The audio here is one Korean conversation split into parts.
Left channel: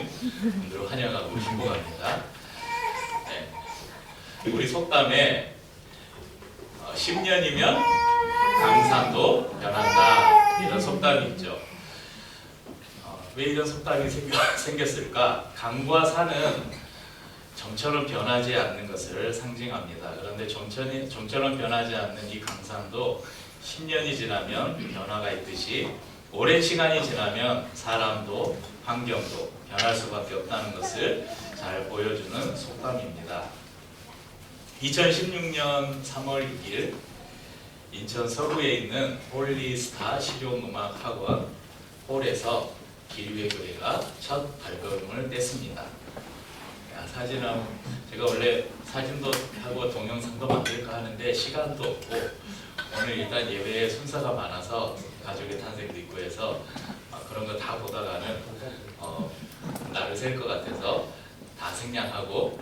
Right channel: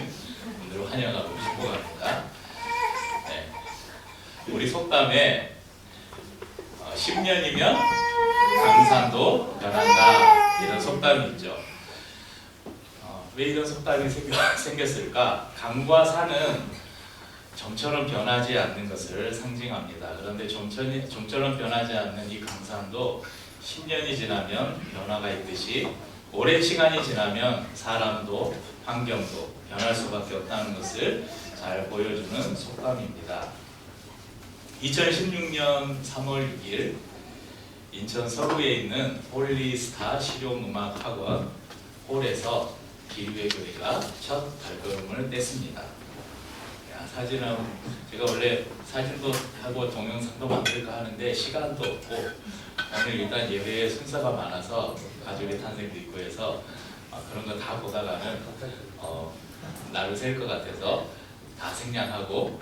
오신 분들을 환영하고 축복합니다. 네. 우리 속담에 10년이면 강산도 변한다 이런 속담이 있죠. 왜 이런 속담이 생겼을까? 강과 산은 좀처럼 변하지 않는 것을 상징합니다. 그런데 좀처럼 변하지 않는 이 강산도 10년이 지나면 변화가 있듯이 오랜 시간이 지나면 사람도 환경도 변할 수밖에 없다는 것을 잘 보여주는 속담입니다. 2016년 3월 6일 인천 서구에 있는 홀리스타 실용음악학원 홀에서 기류의 교회가 첫 발걸음을 뗐습니다. 사진은 제가 원래 사진도 하고 동영상도 만들까 하는데 시간도 없고 오늘 일단 예배에 순서가 많아서 가족의 탄생도 있고 해서 그런 거 다 보다가는 날을 셀 것 같아서 다 생략하고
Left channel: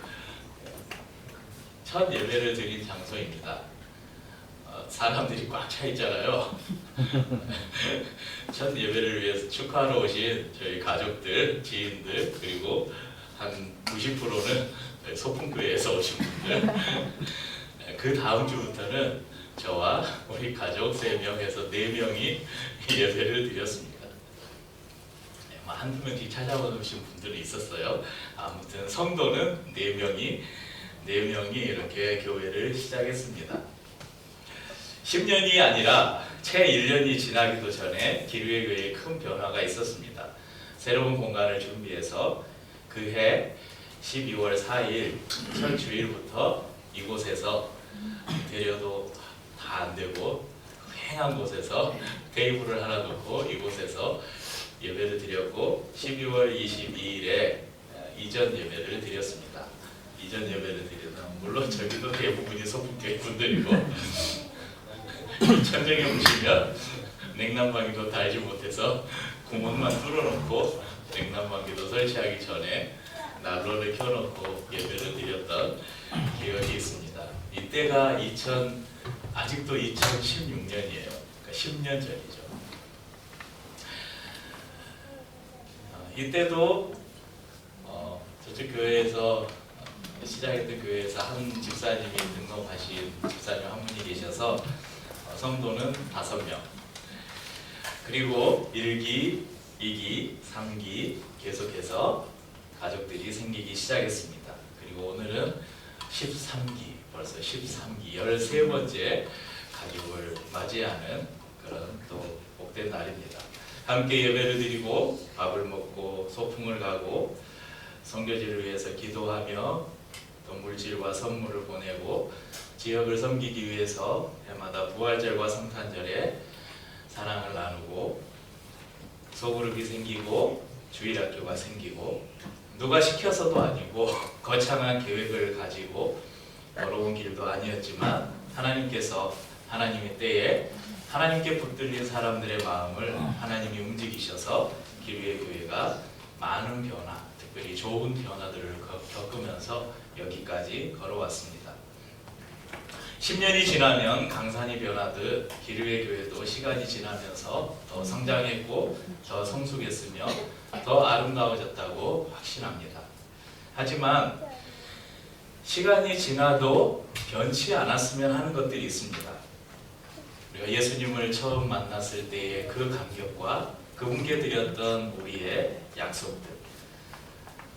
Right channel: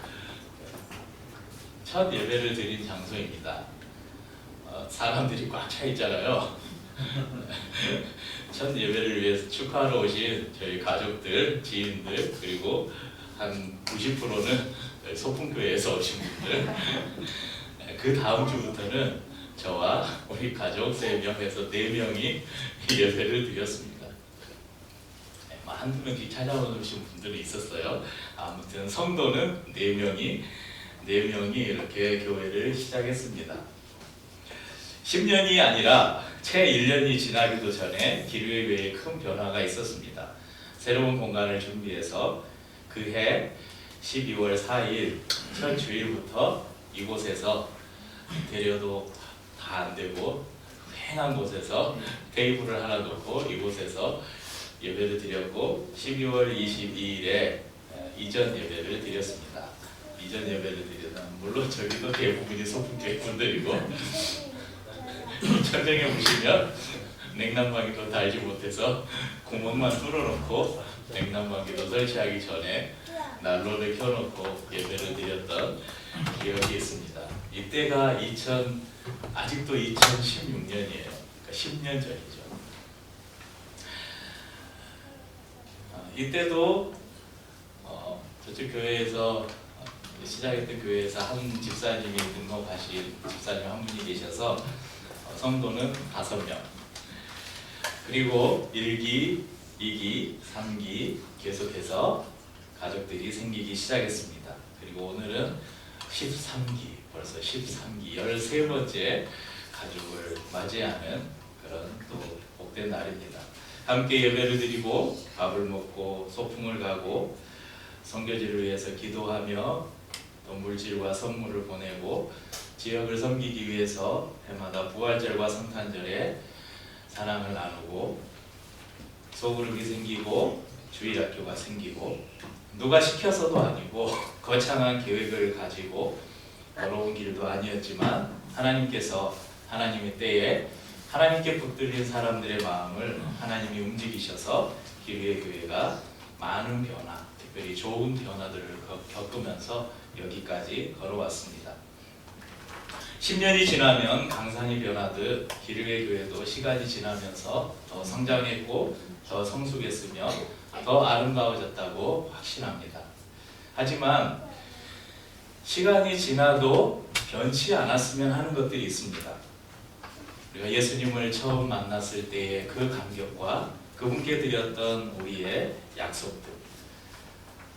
첫 예배를 드린 장소입니다. 사람들이 꽉 차 있잖아요. 첫 예배를 위해서 축하하러 오신 저희 가족들, 지인들 그리고 한 90%는 소풍교회에서 오신 분들. 그 다음 주부터는 저와 우리 가족 3명에서 4명이 예배를 드렸습니다. 한두 명씩 찾아오신 분들이 있었어요. 아무튼 성도는 4명이 이렇게 교회를 시작했습니다. 10년이 아니라 채 1년이 지나기도 전에 기류의 교회에 큰 변화가 있었습니다. 새로운 공간을 준비해서 그해 12월 4일 첫 주일부터 이곳에서 인테리어도 다 안되고 휑한 곳에서 테이블을 하나 놓고 이곳에서 예배를 드렸고 12월 22일에 이전 예배를 드렸습니다. 이전 예배를 드리면 물론 저기도 대부분이 소풍교회 분들이고 천정에 오시면 냉난방기도 달지 못해서 구멍만 뚫어놓고 냉난방기도 설치하기 전에 난로를 켜놓고 예배를 드렸던 기억이 있습니다. 이때가 아직도 2016년이에요. 그러니까 10년 전이죠. 이때도 저쪽 교회에서 시작했던 교회에서 한 집사님이 등록하신 집사님 한 분이 계셔서 성도는 5명 그리고 1기, 2기, 3기 계속해서 가족들이 생기기 시작했습니다. 그리고 오늘은 13기, 벌써 13기, 13번째 가족을 맞이하는 그런 또 복된 날입니다. 함께 예배를 드리고 밥을 먹고 소풍을 가고 선교지를 위해서 기도하며 또 물질과 선물을 보내고 지역을 섬기기 위해서 해마다 부활절과 성탄절에 사랑을 나누고 소그룹이 생기고 주일학교가 생기고 누가 시켜서도 아니고 거창한 계획을 가지고 어려운 길도 아니었지만 하나님께서 하나님의 때에 하나님께 붙들린 사람들의 마음을 하나님이 움직이셔서 기류의 교회가 많은 변화, 특별히 좋은 변화들을 겪으면서 여기까지 걸어왔습니다. 10년이 지나면 강산이 변하듯 기류의 교회도 시간이 지나면서 더 성장했고 더 성숙했으며 더 아름다워졌다고 확신합니다. 하지만 시간이 지나도 변치 않았으면 하는 것들이 있습니다. 우리가 예수님을 처음 만났을 때의 그 감격과 그분께 드렸던 우리의 약속들,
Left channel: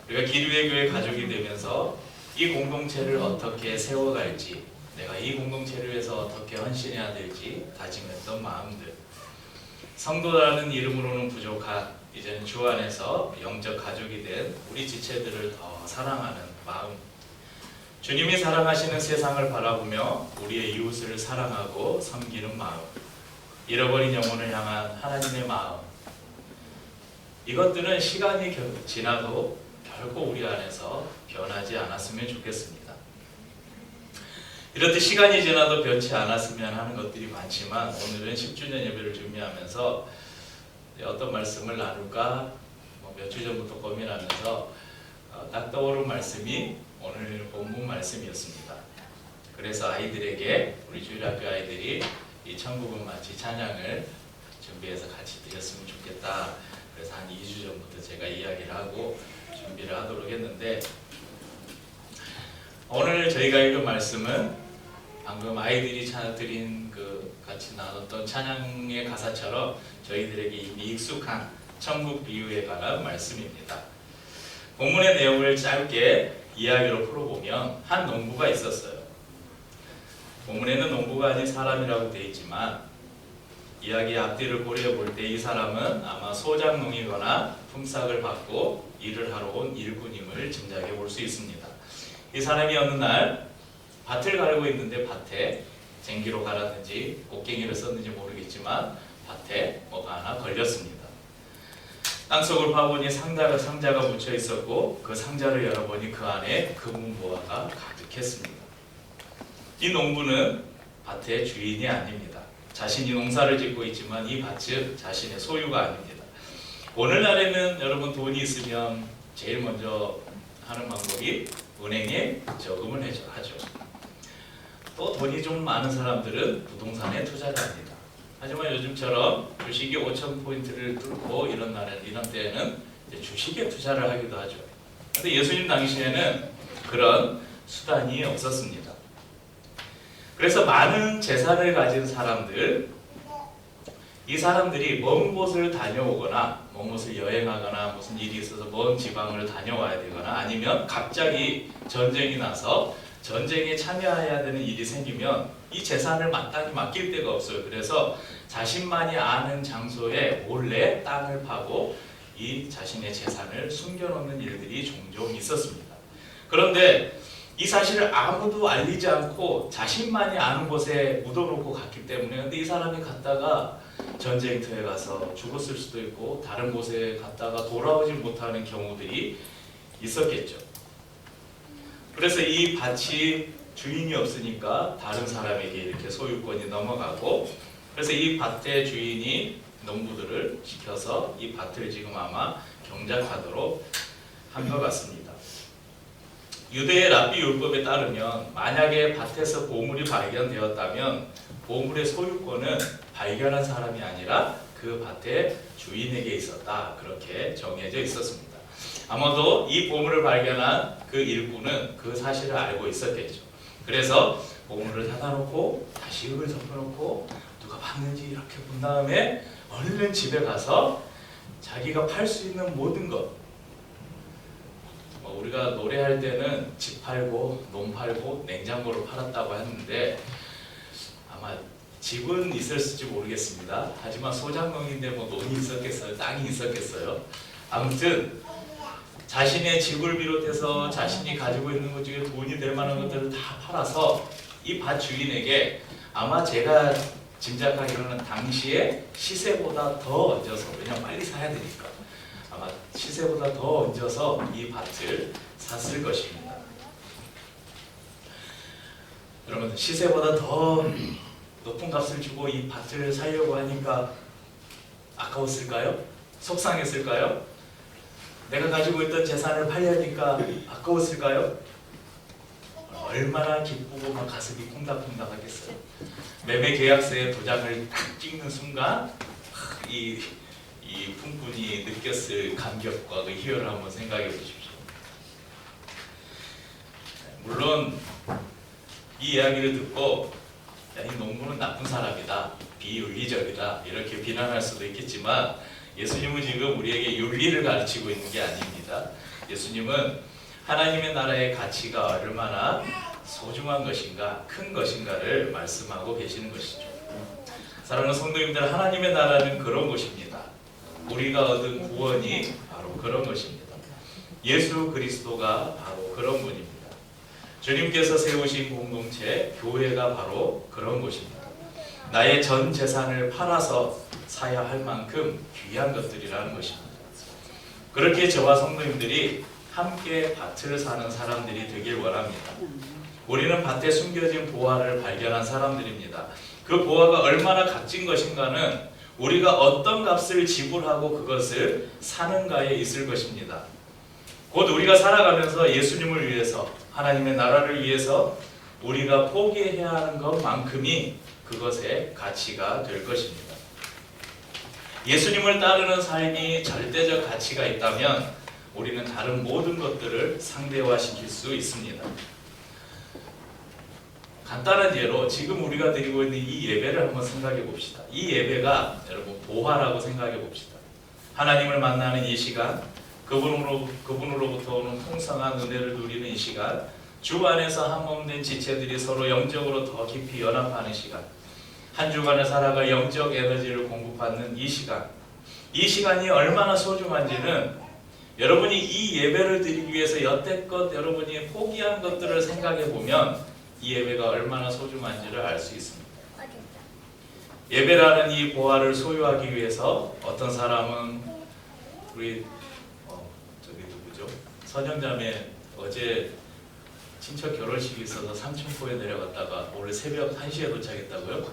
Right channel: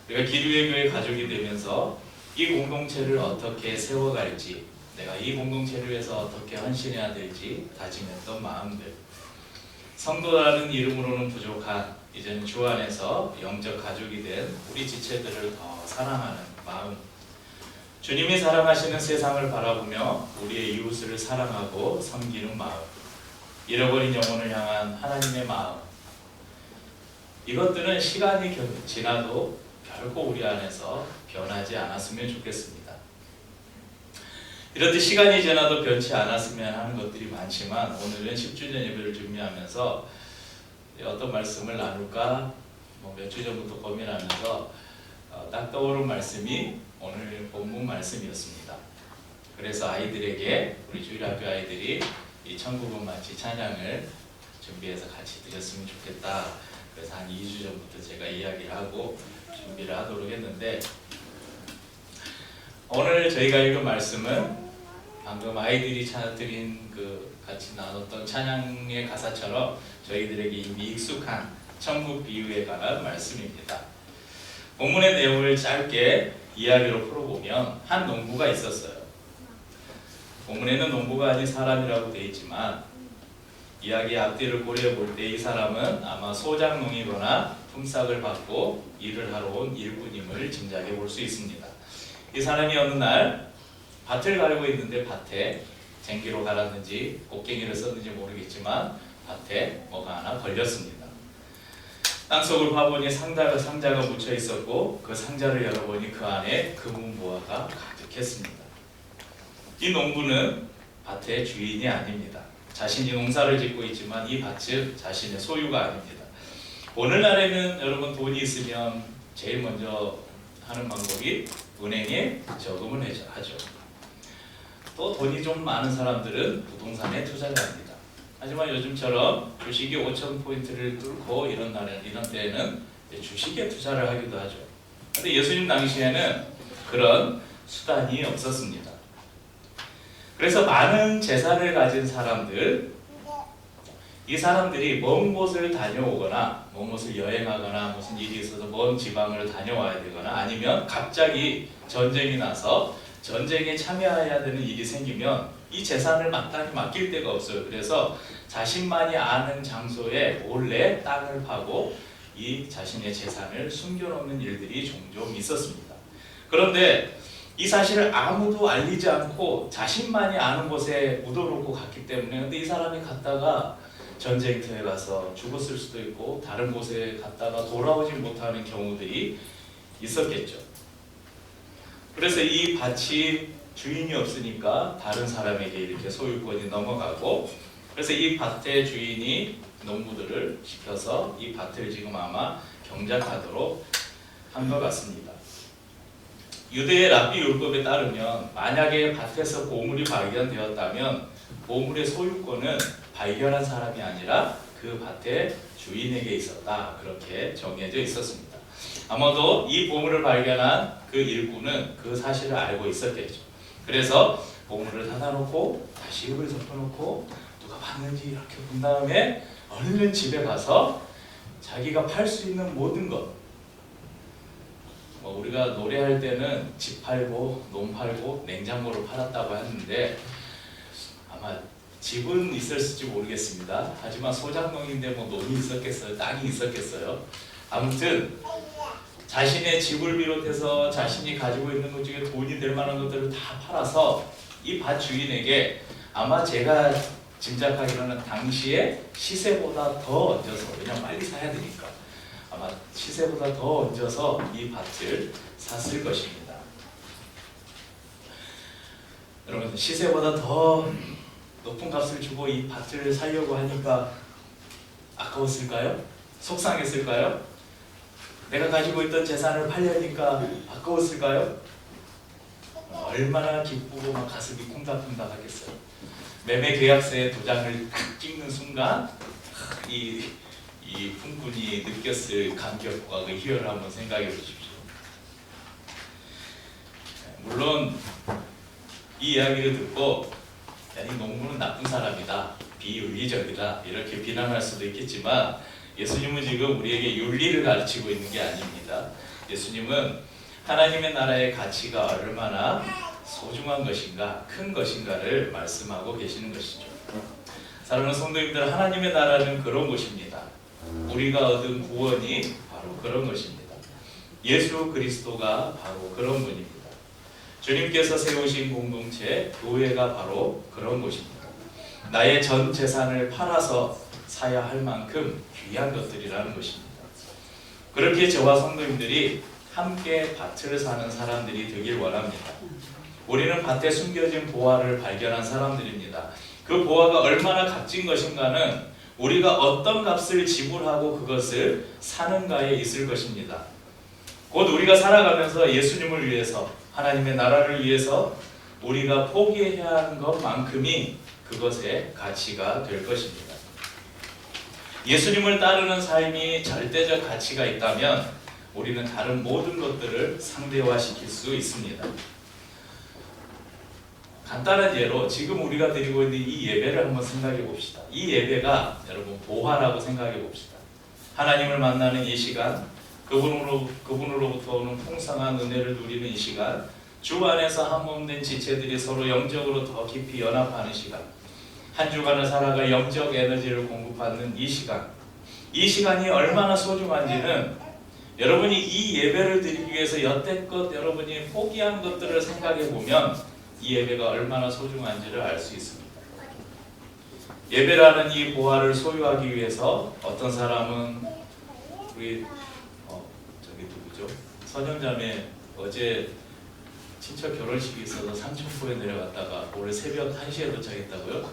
우리가 기류의 교회 가족이 되면서 이 공동체를 어떻게 세워갈지, 내가 이 공동체를 위해서 어떻게 헌신해야 될지 다짐했던 마음들, 성도라는 이름으로는 부족한 이제는 주 안에서 영적 가족이 된 우리 지체들을 더 사랑하는 마음, 주님이 사랑하시는 세상을 바라보며 우리의 이웃을 사랑하고 섬기는 마음, 잃어버린 영혼을 향한 하나님의 마음, 이것들은 시간이 지나도 결코 우리 안에서 변하지 않았으면 좋겠습니다. 이렇듯 시간이 지나도 변치 않았으면 하는 것들이 많지만 오늘은 10주년 예배를 준비하면서 어떤 말씀을 나눌까 몇 주 전부터 고민하면서 딱 떠오른 말씀이 오늘 본문 말씀이었습니다. 그래서 아이들에게, 우리 주일학교 아이들이 이 천국은 마치 찬양을 준비해서 같이 드렸으면 좋겠다. 그래서 한 2주 전부터 제가 이야기를 하고 준비를 하도록 했는데, 오늘 저희가 읽은 말씀은 방금 아이들이 드린 같이 나눴던 찬양의 가사처럼 저희들에게 이미 익숙한 천국 비유에 관한 말씀입니다. 본문의 내용을 짧게 이야기로 풀어보면 한 농부가 있었어요. 본문에는 농부가 아닌 사람이라고 되어 있지만 이야기의 앞뒤를 고려해 볼 때 이 사람은 아마 소작농이거나 품삯을 받고 일을 하러 온 일꾼임을 짐작해 볼 수 있습니다. 이 사람이 어느 날 밭을 갈고 있는데 밭에 쟁기로 갈았는지 곡괭이를 썼는지 모르겠지만 밭에 뭐가 하나 걸렸습니다. 땅속을 파보니 상자가 묻혀 있었고 그 상자를 열어보니 그 안에 금은보화가 가득했습니다. 이 농부는 밭의 주인이 아닙니다. 자신이 농사를 짓고 있지만 이 밭은 자신의 소유가 아닙니다. 오늘날에는 여러분 돈이 있으면 제일 먼저 하는 방법이 은행에 저금을 하죠. 또 돈이 좀 많은 사람들은 부동산에 투자를 합니다. 하지만 요즘처럼 주식이 5,000포인트를 뚫고 이런 때에는 주식에 투자를 하기도 하죠. 그런데 예수님 당시에는 그런 수단이 없었습니다. 그래서 많은 재산을 가진 사람들, 이 사람들이 먼 곳을 다녀오거나 먼 곳을 여행하거나 무슨 일이 있어서 먼 지방을 다녀와야 되거나 아니면 갑자기 전쟁이 나서 전쟁에 참여해야 되는 일이 생기면 이 재산을 마땅히 맡길 데가 없어요. 그래서 자신만이 아는 장소에 몰래 땅을 파고 이 자신의 재산을 숨겨놓는 일들이 종종 있었습니다. 그런데 이 사실을 아무도 알리지 않고 자신만이 아는 곳에 묻어놓고 갔기 때문에, 근데 이 사람이 갔다가 전쟁터에 가서 죽었을 수도 있고 다른 곳에 갔다가 돌아오지 못하는 경우들이 있었겠죠. 그래서 이 밭이 주인이 없으니까 다른 사람에게 이렇게 소유권이 넘어가고, 그래서 이 밭의 주인이 농부들을 시켜서 이 밭을 지금 아마 경작하도록 한 것 같습니다. 유대의 랍비 율법에 따르면 만약에 밭에서 보물이 발견되었다면 보물의 소유권은 발견한 사람이 아니라 그 밭의 주인에게 있었다, 그렇게 정해져 있었습니다. 아마도 이 보물을 발견한 그 일꾼은 그 사실을 알고 있었겠죠. 그래서 보물을 닫아놓고 다시 흙을 덮어놓고 누가 봤는지 이렇게 본 다음에 얼른 집에 가서 자기가 팔 수 있는 모든 것, 우리가 노래할 때는 집 팔고 논 팔고 냉장고를 팔았다고 했는데 아마 집은 있었을지 모르겠습니다. 하지만 소작농인데 뭐 논이 있었겠어요? 땅이 있었겠어요? 아무튼 자신의 집을 비롯해서 자신이 가지고 있는 것 중에 돈이 될 만한 것들을 다 팔아서 이 밭 주인에게, 아마 제가 짐작하기로는 당시에 시세보다 더 얹어서, 왜냐면 빨리 사야 되니까 아마 시세보다 더 얹어서 이 밭을 샀을 것입니다. 여러분, 시세보다 더 높은 값을 주고 이 밭을 사려고 하니까 아까웠을까요? 속상했을까요? 내가 가지고 있던 재산을 팔려니까 아까웠을까요? 얼마나 기쁘고 막 가슴이 콩닥콩닥 하겠어요. 매매 계약서에 도장을 딱 찍는 순간 이 품꾼이 느꼈을 감격과 그 희열을 한번 생각해 보십시오. 물론 이 이야기를 듣고 야, 이 농부는 나쁜 사람이다, 비윤리적이다 이렇게 비난할 수도 있겠지만 예수님은 지금 우리에게 윤리를 가르치고 있는 게 아닙니다. 예수님은 하나님의 나라의 가치가 얼마나 소중한 것인가, 큰 것인가를 말씀하고 계시는 것이죠. 사랑하는 성도님들, 하나님의 나라는 그런 곳입니다. 우리가 얻은 구원이 바로 그런 것입니다. 예수 그리스도가 바로 그런 분입니다. 주님께서 세우신 공동체, 교회가 바로 그런 곳입니다. 나의 전 재산을 팔아서 사야 할 만큼 귀한 것들이라는 것입니다. 그렇게 저와 성도님들이 함께 밭을 사는 사람들이 되길 원합니다. 우리는 밭에 숨겨진 보화를 발견한 사람들입니다. 그 보화가 얼마나 값진 것인가는 우리가 어떤 값을 지불하고 그것을 사는가에 있을 것입니다. 곧 우리가 살아가면서 예수님을 위해서, 하나님의 나라를 위해서 우리가 포기해야 하는 것만큼이 그것의 가치가 될 것입니다. 예수님을 따르는 삶이 절대적 가치가 있다면 우리는 다른 모든 것들을 상대화시킬 수 있습니다. 간단한 예로 지금 우리가 드리고 있는 이 예배를 한번 생각해 봅시다. 이 예배가 여러분 보화라고 생각해 봅시다. 하나님을 만나는 이 시간, 그분으로부터 오는 풍성한 은혜를 누리는 이 시간, 주 안에서 한몸된 지체들이 서로 영적으로 더 깊이 연합하는 시간, 한 주간을 살아갈 영적 에너지를 공급받는 이 시간, 이 시간이 얼마나 소중한지는 여러분이 이 예배를 드리기 위해서 여태껏 여러분이 포기한 것들을 생각해 보면 이 예배가 얼마나 소중한지를 알 수 있습니다. 예배라는 이 보화를 소유하기 위해서 어떤 사람은 우리 저기 누구죠? 선영자매 어제 친척 결혼식이 있어서 삼천포에 내려갔다가 오늘 새벽 1시에 도착했다고요?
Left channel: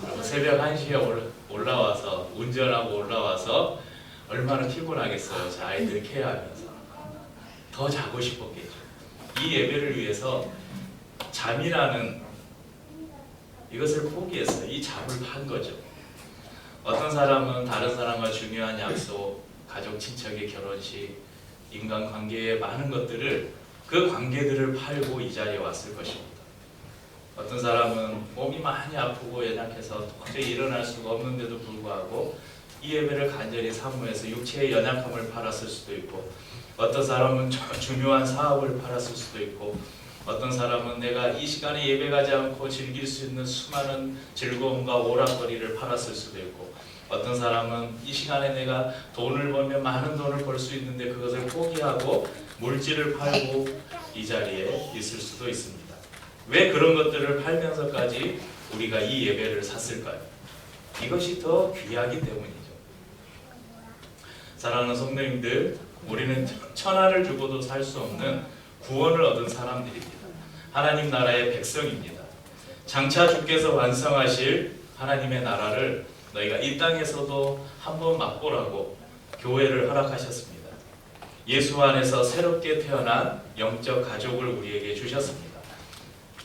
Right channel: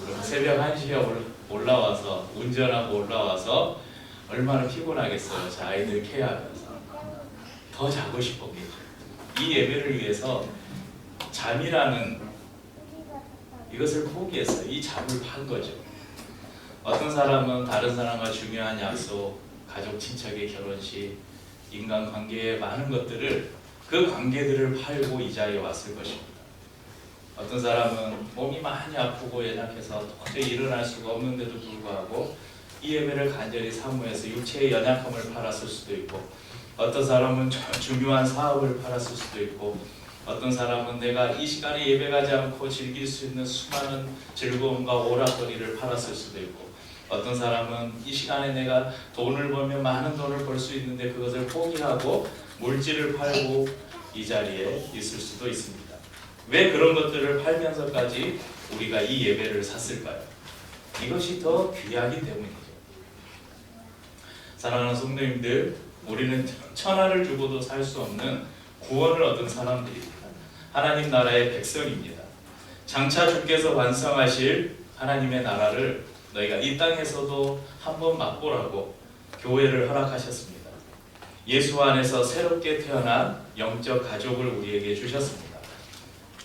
그럼 새벽 1시에 올라와서 운전하고 올라와서 얼마나 피곤하겠어요. 저 아이들 케어하면서. 더 자고 싶었겠죠. 이 예배를 위해서 잠이라는 이것을 포기했어요. 이 잠을 판 거죠. 어떤 사람은 다른 사람과 중요한 약속, 가족 친척의 결혼식, 인간관계의 많은 것들을 그 관계들을 팔고 이 자리에 왔을 것입니다. 어떤 사람은 몸이 많이 아프고 연약해서 도저히 일어날 수가 없는데도 불구하고 이 예배를 간절히 사모해서 육체의 연약함을 팔았을 수도 있고, 어떤 사람은 중요한 사업을 팔았을 수도 있고, 어떤 사람은 내가 이 시간에 예배 가지 않고 즐길 수 있는 수많은 즐거움과 오락거리를 팔았을 수도 있고, 어떤 사람은 이 시간에 내가 돈을 벌면 많은 돈을 벌 수 있는데 그것을 포기하고 물질을 팔고 이 자리에 있을 수도 있습니다. 왜 그런 것들을 팔면서까지 우리가 이 예배를 샀을까요? 이것이 더 귀하기 때문이죠. 사랑하는 성도님들, 우리는 천하를 주고도 살 수 없는 구원을 얻은 사람들입니다. 하나님 나라의 백성입니다. 장차 주께서 완성하실 하나님의 나라를 너희가 이 땅에서도 한번 맛보라고 교회를 허락하셨습니다. 예수 안에서 새롭게 태어난 영적 가족을 우리에게 주셨습니다.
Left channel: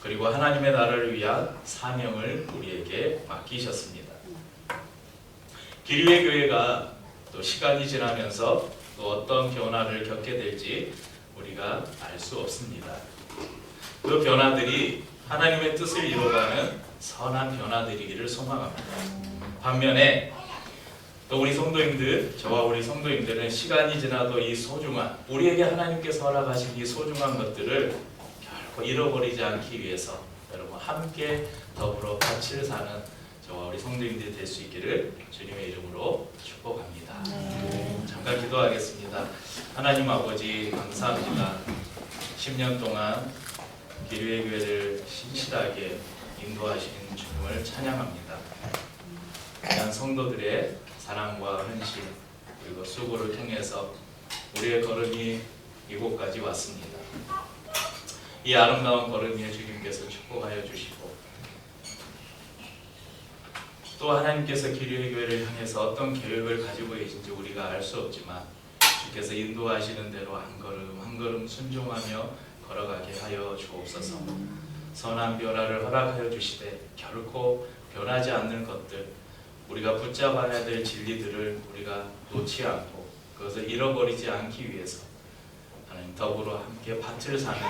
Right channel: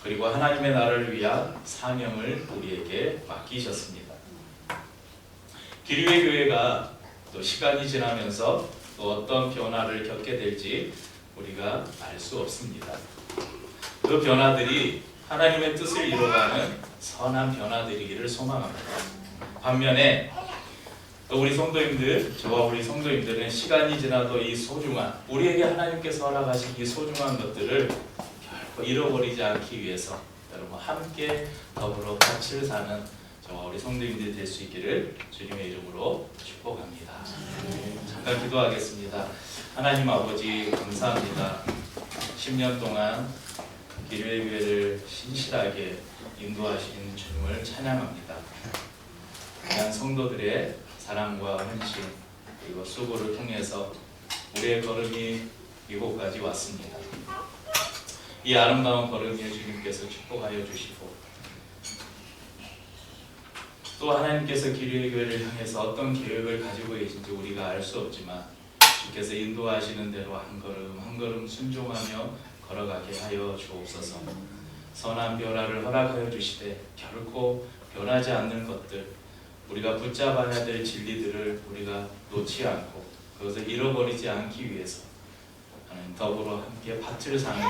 그리고 하나님의 나라를 위한 사명을 우리에게 맡기셨습니다. 기류의 교회가 또 시간이 지나면서 또 어떤 변화를 겪게 될지 우리가 알 수 없습니다. 그 변화들이 하나님의 뜻을 이루어가는 선한 변화들이기를 소망합니다. 반면에 또 우리 성도님들, 저와 우리 성도님들은 시간이 지나도 이 소중한, 우리에게 하나님께서 허락하신 이 소중한 것들을 결코 잃어버리지 않기 위해서 여러분 함께 더불어 같이 사는 저와 우리 성도님들이 될 수 있기를 주님의 이름으로 축복합니다. 잠깐 기도하겠습니다. 하나님 아버지 감사합니다. 10년 동안 기류의 교회를 신실하게 인도하신 주님을 찬양합니다. 귀한 성도들의 사랑과 헌신 그리고 수고를 통해서 우리의 걸음이 이곳까지 왔습니다. 이 아름다운 걸음을 주님께서 축복하여 주시고, 또 하나님께서 기류의 교회를 향해서 어떤 계획을 가지고 계신지 우리가 알 수 없지만 주께서 인도하시는 대로 한 걸음 한 걸음 순종하며 걸어가게 하여 주옵소서. 선한 변화를 허락하여 주시되 결코 변하지 않는 것들, 우리가 붙잡아야 될 진리들을 우리가 놓지 않고 그것을 잃어버리지 않기 위해서 하나님 더불어 함께 밭을 사는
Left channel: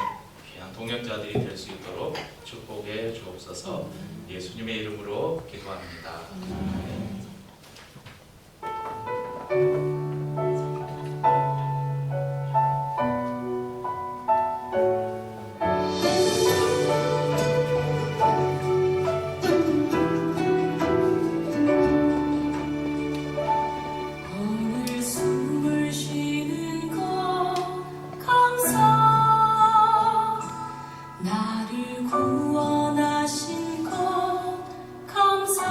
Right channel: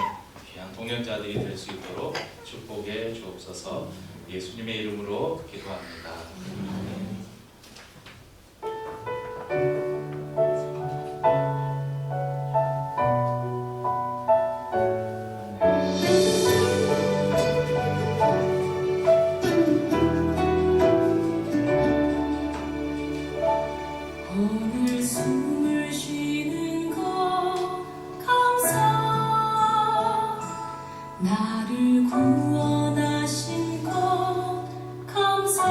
귀한 동역자들이 될 수 있도록 축복해 주옵소서. 예수님의 이름으로 기도합니다. 나를 구원하신 것 감사.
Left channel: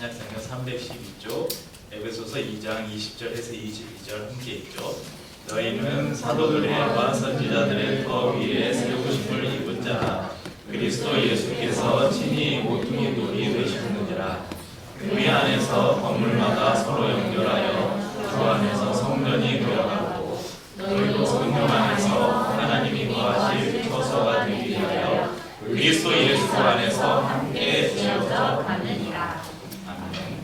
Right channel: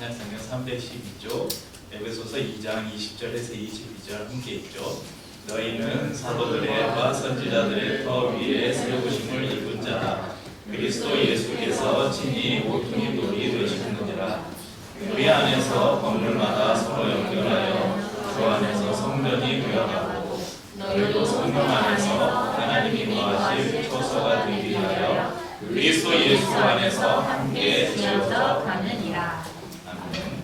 신약성경 312쪽 에베소서 2장 20절에서 22절 함께 읽죠. 너희는 사도들과 선지자들의 터 위에 세우심을 입은 자라. 그리스도 예수께서 친히 모퉁이 돌이 되시는지라. 교회 안에서 건물마다 서로 연결하여 주 안에서 성전이 되어가고 너희도 성령 안에서 하나님이 거하실 처소가 되기 위하여 그리스도 예수 안에서 함께 지어져 가느니라. 아멘.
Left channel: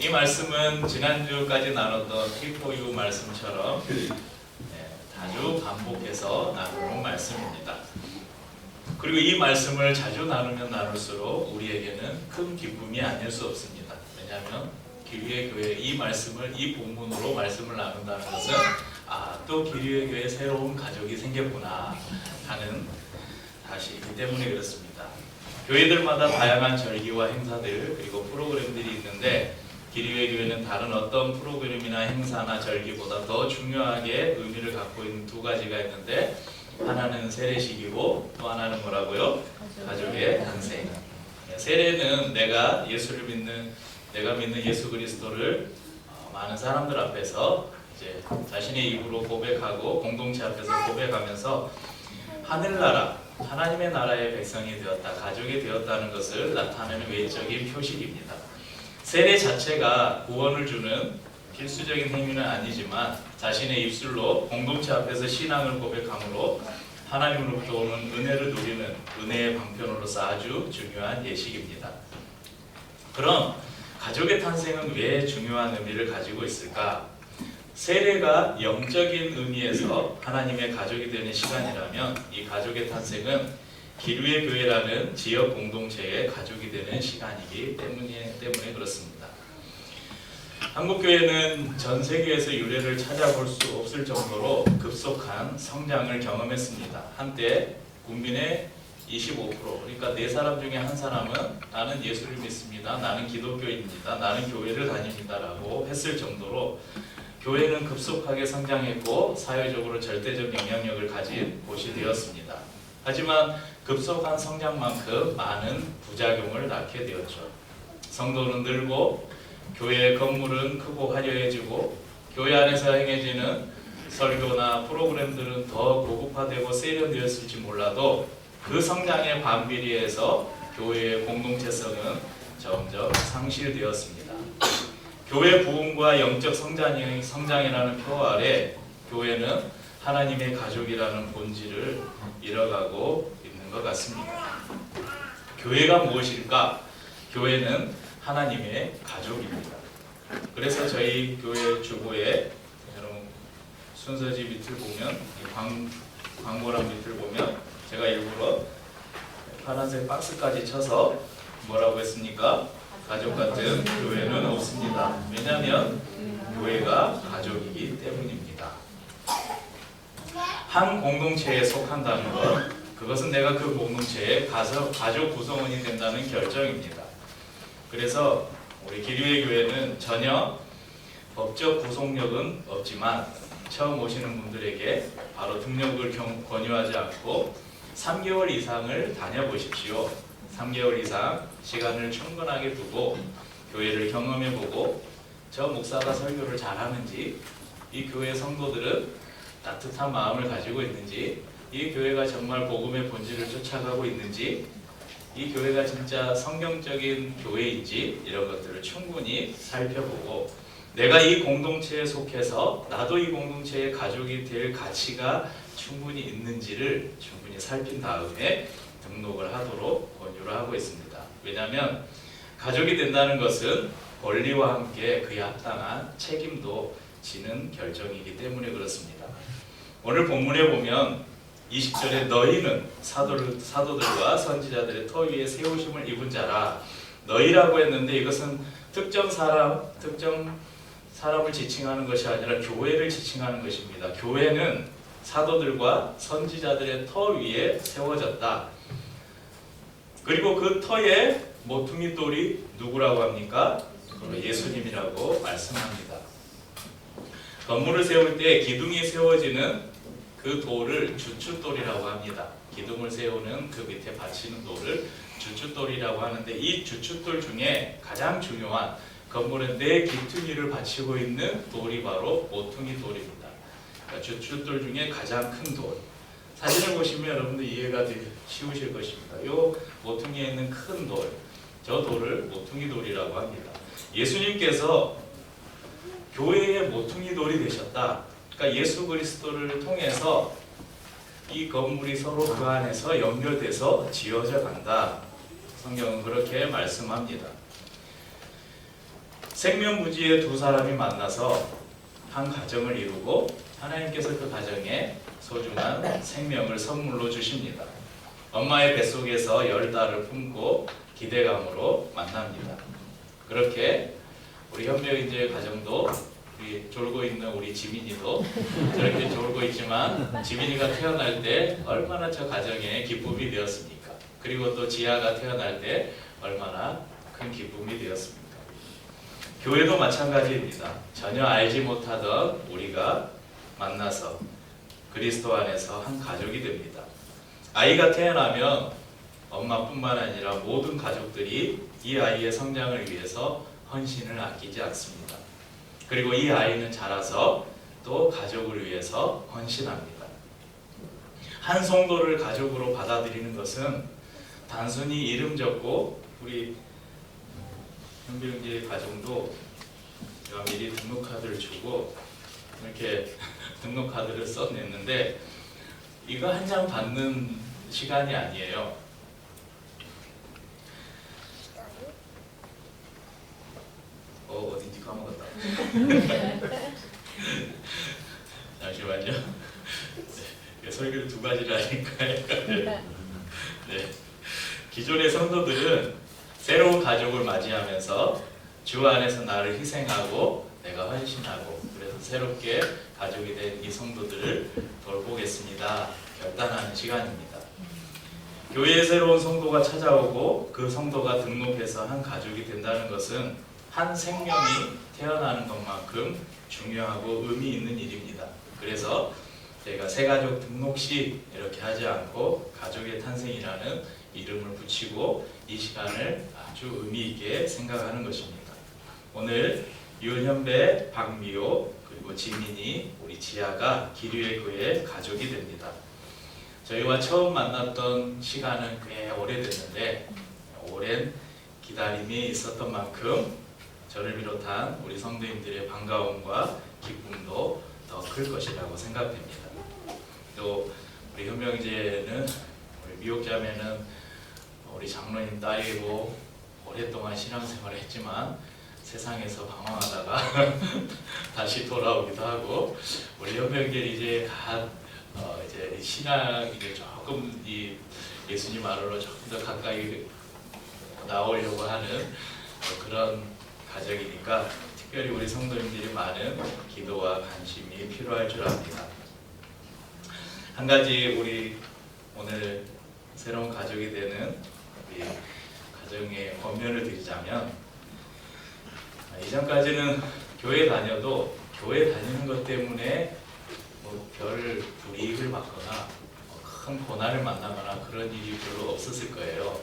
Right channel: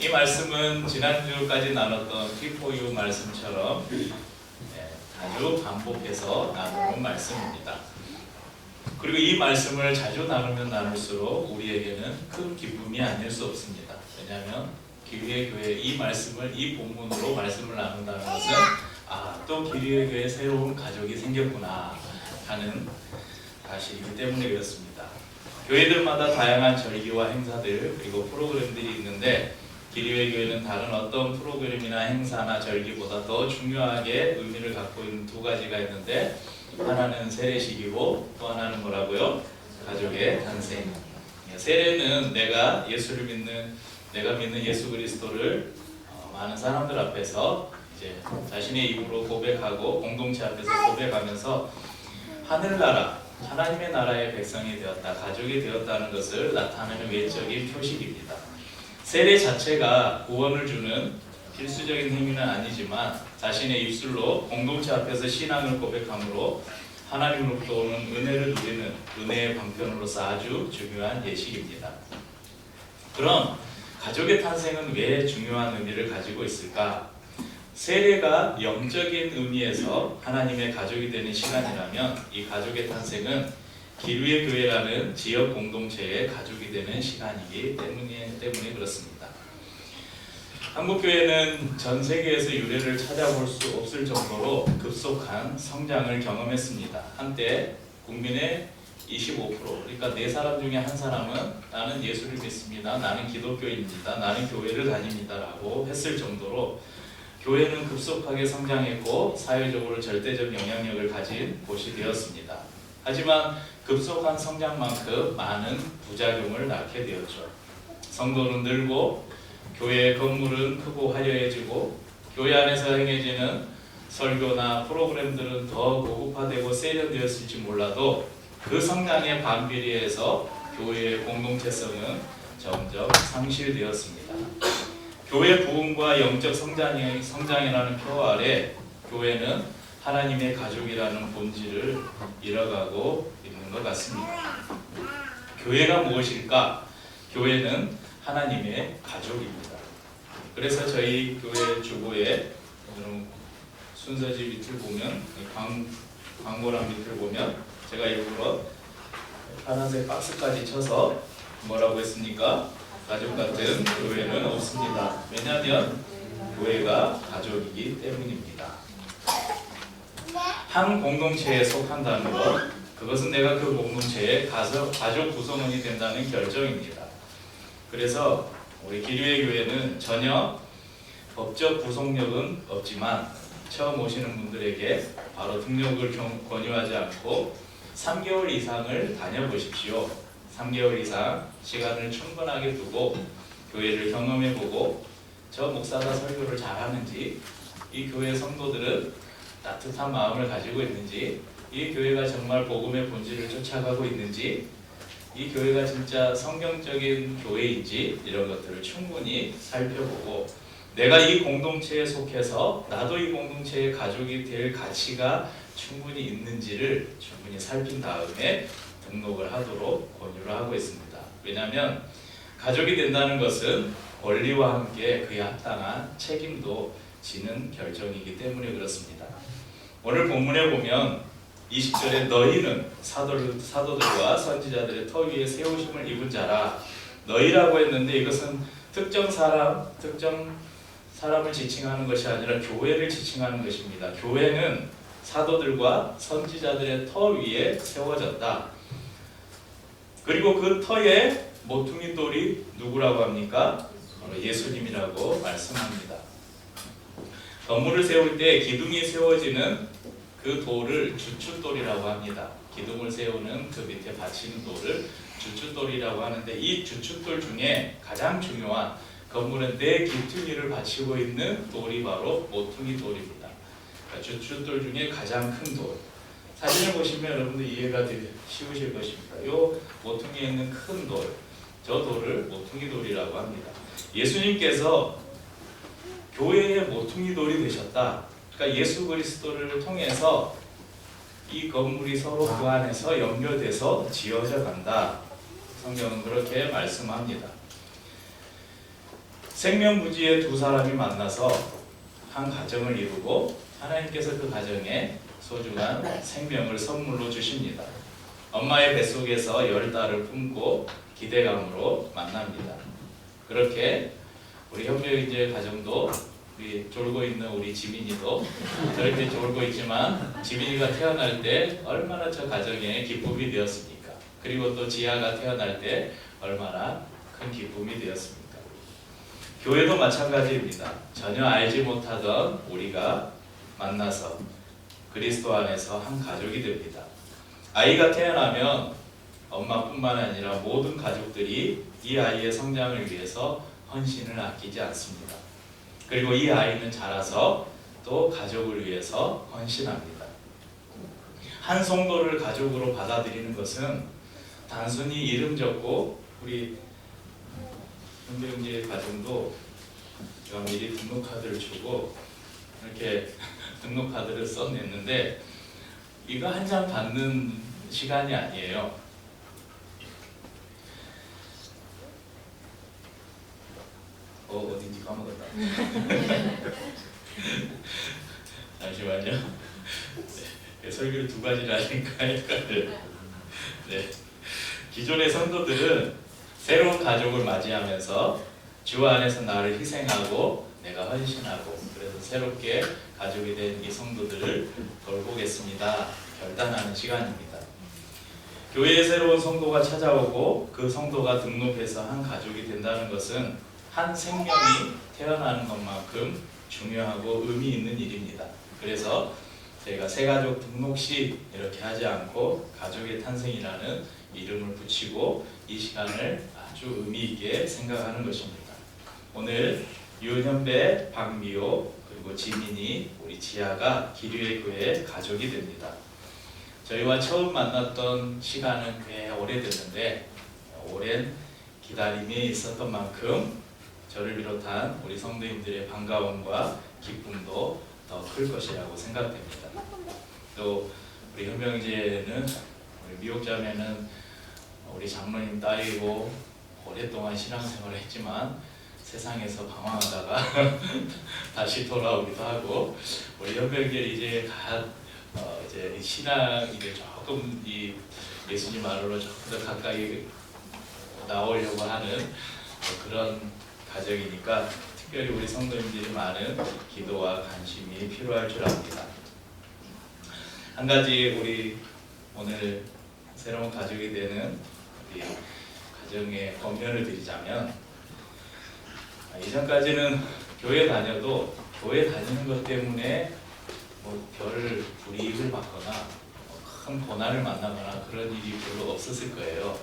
이 말씀은 지난주까지 나눴던 T4U 말씀처럼 자주 반복해서 나누는 말씀입니다. 그리고 이 말씀을 자주 나누면 나눌수록 우리에게는 큰 기쁨이 아닐 수 없습니다. 왜냐하면 기류의 교회 이 말씀을 이 본문으로 말씀을 나눈다는 것은 또 기류의 교회 새로운 가족이 생겼구나 하는 사실이기 때문에 그렇습니다. 교회들마다 다양한 절기와 행사들 그리고 프로그램들이 있는데 기류의 교회는 다른 어떤 프로그램이나 행사나 절기보다 더 중요하게 의미를 갖고 있는 두 가지가 있는데 하나는 세례식이고 또 하나는 뭐라고요? 가족의 탄생. 세례는 내가 믿는 예수 그리스도를 많은 사람들 앞에서 이제 자신의 입으로 고백하고 공동체 앞에서 고백하면서 하늘나라, 하나님의 나라의 백성이 되었다, 가족이 되었다는 것을 나타내는 외적인 표식입니다. 세례 자체가 구원을 주는 필수적인 행위는 아니지만 자신의 입술로 공동체 앞에서 신앙을 고백함으로 하나님으로부터 오는 은혜를 누리는 은혜의 방편으로서 아주 중요한 예식입니다. 그럼 가족의 탄생은 왜 중요한 의미를 가지고 있을까? 세례가 영적인 의미에서 하나님의 가족이 되는 시간이라면 이 가족의 탄생은 기류의 교회라는 지역 공동체의 가족이 되는 시간이기 때문에 그렇습니다. 한국교회는 전 세계에서 유래를 찾아볼 수 없을 정도로 급속한 성장을 경험했습니다. 한때 국민의 25%, 그러니까 4사람 중에 한 사람은 나는 예수를 믿습니다, 나는 기독교인입니다, 나는 교회를 다닙니다 라고 했을 정도로 교회는 급속하게 성장했고 사회적으로 절대적 영향력을 가진 곳이 되었습니다. 하지만 급속한 성장만큼 많은 부작용을 낳게 되었죠. 성도는 늘고 교회의 건물은 크고 화려해지고 교회 안에서 행해지는 설교나 프로그램들은 더 고급화되고 세련되었을지 몰라도 그 성장의 반비례해서 교회의 공동체성은 점점 상실되었습니다. 교회 부흥과 영적 성장이라는 표 아래 교회는 하나님의 가족이라는 본질을 잃어가고 있는 것 같습니다. 교회가 무엇일까? 교회는 하나님의 가족입니다. 그래서 저희 교회 주보에 여러분 순서지 밑을 보면 광고랑 밑을 보면 제가 일부러 파란색 박스까지 쳐서 뭐라고 했습니까? 가족 같은 교회는 없습니다. 왜냐하면 교회가 가족이기 때문입니다. 한 공동체에 속한다는 것, 그것은 내가 그 공동체의 가족 구성원이 된다는 결정입니다. 그래서 우리 기류의 교회는 전혀 법적 구속력은 없지만 처음 오시는 분들에게 바로 등록을 권유하지 않고 3개월 이상을 다녀보십시오. 3개월 이상 시간을 충분하게 두고 교회를 경험해보고 저 목사가 설교를 잘하는지, 이 교회 성도들은 따뜻한 마음을 가지고 있는지, 이 교회가 정말 복음의 본질을 쫓아가고 있는지, 이 교회가 진짜 성경적인 교회인지 이런 것들을 충분히 살펴보고 내가 이 공동체에 속해서 나도 이 공동체의 가족이 될 가치가 충분히 있는지를 충분히 살핀 다음에 등록을 하도록 권유를 하고 있습니다. 왜냐하면 가족이 된다는 것은 권리와 함께 그에 합당한 책임도 지는 결정이기 때문에 그렇습니다. 오늘 본문에 보면 20절에 너희는 사도들과 선지자들의 터 위에 세우심을 입은 자라, 너희라고 했는데 이것은 특정 사람을 지칭하는 것이 아니라 교회를 지칭하는 것입니다. 교회는 사도들과 선지자들의 터 위에 세워졌다. 그리고 그 터에 모퉁이 돌이 누구라고 합니까? 예수님이라고 말씀합니다. 건물을 세울 때 기둥이 세워지는 그 돌을 주춧돌이라고 합니다. 기둥을 세우는 그 밑에 받치는 돌을 주춧돌이라고 하는데, 이 주춧돌 중에 가장 중요한 건물은 네 기퉁이를 받치고 있는 돌이 바로 모퉁이 돌입니다. 그러니까 주춧돌 중에 가장 큰 돌. 사진을 보시면 여러분들 이해가 되게 쉬우실 것입니다. 이 모퉁이에 있는 큰 돌, 저 돌을 모퉁이 돌이라고 합니다. 예수님께서 교회의 모퉁이 돌이 되셨다. 그러니까 예수 그리스도를 통해서 이 건물이 서로 그 안에서 연결돼서 지어져 간다. 성경은 그렇게 말씀합니다. 생명부지의 두 사람이 만나서 한 가정을 이루고 하나님께서 그 가정에 소중한 생명을 선물로 주십니다. 엄마의 뱃속에서 10달을 품고 기대감으로 만납니다. 그렇게 우리 현명이제 가정도, 우리 졸고 있는 우리 지민이도 저렇게 졸고 있지만 지민이가 태어날 때 얼마나 저 가정에 기쁨이 되었습니까? 그리고 또 지아가 태어날 때 얼마나 큰 기쁨이 되었습니까? 교회도 마찬가지입니다. 전혀 알지 못하던 우리가 만나서 그리스도 안에서 한 가족이 됩니다. 아이가 태어나면 엄마뿐만 아니라 모든 가족들이 이 아이의 성장을 위해서 헌신을 아끼지 않습니다. 그리고 이 아이는 자라서 또 가족을 위해서 헌신합니다. 한 성도를 가족으로 받아들이는 것은 단순히 이름 적고, 우리 현명제 가정도 제가 미리 등록카드를 주고 이렇게 등록카드를 써냈는데, 이거 한 장 받는 시간이 아니에요. 어딘지 까먹었다. 잠시만요. 네, 설교를 두 가지를 하니까 헷갈려요. 네. 기존의 성도들은 새로운 가족을 맞이하면서 주 안에서 나를 희생하고 내가 헌신하고, 그래서 새롭게 가족이 된 이 성도들을 돌보겠습니다 결단하는 시간입니다. 교회에 새로운 성도가 찾아오고 그 성도가 등록해서 한 가족이 된다는 것은 한 생명이 태어나는 것만큼 중요하고 의미 있는 일입니다. 그래서 저희가 새가족 등록식 이렇게 하지 않고 가족의 탄생이라는 이름을 붙이고 이 시간을 아주 의미 있게 생각하는 것입니다. 오늘 윤현배, 박미호, 그리고 지민이, 우리 지아가 기류의 교회 가족이 됩니다. 저희와 처음 만났던 시간은 꽤 오래됐는데, 오랜 기다림이 있었던 만큼 저를 비롯한 우리 성도님들의 반가움과 기쁨도 더 클 것이라고 생각됩니다. 또 우리 현명제는, 우리 미옥자매는 우리 장로님 딸이고 오랫동안 신앙생활을 했지만 세상에서 방황하다가 다시 돌아오기도 하고, 우리 현명제 이제 이제 신앙 이제 조금 이 예수님 안으로 조금 더 가까이 나오려고 하는 그런 가정이니까 특별히 우리 성도님들이 많은 기도와 관심이 필요할 줄 압니다. 한 가지 우리 오늘 새로운 가족이 되는 우리 가정의 권면을 드리자면, 이전까지는 교회 다녀도 교회 다니는 것 때문에 뭐 별 불이익을 받거나 큰 고난을 만나거나 그런 일이 별로 없었을 거예요.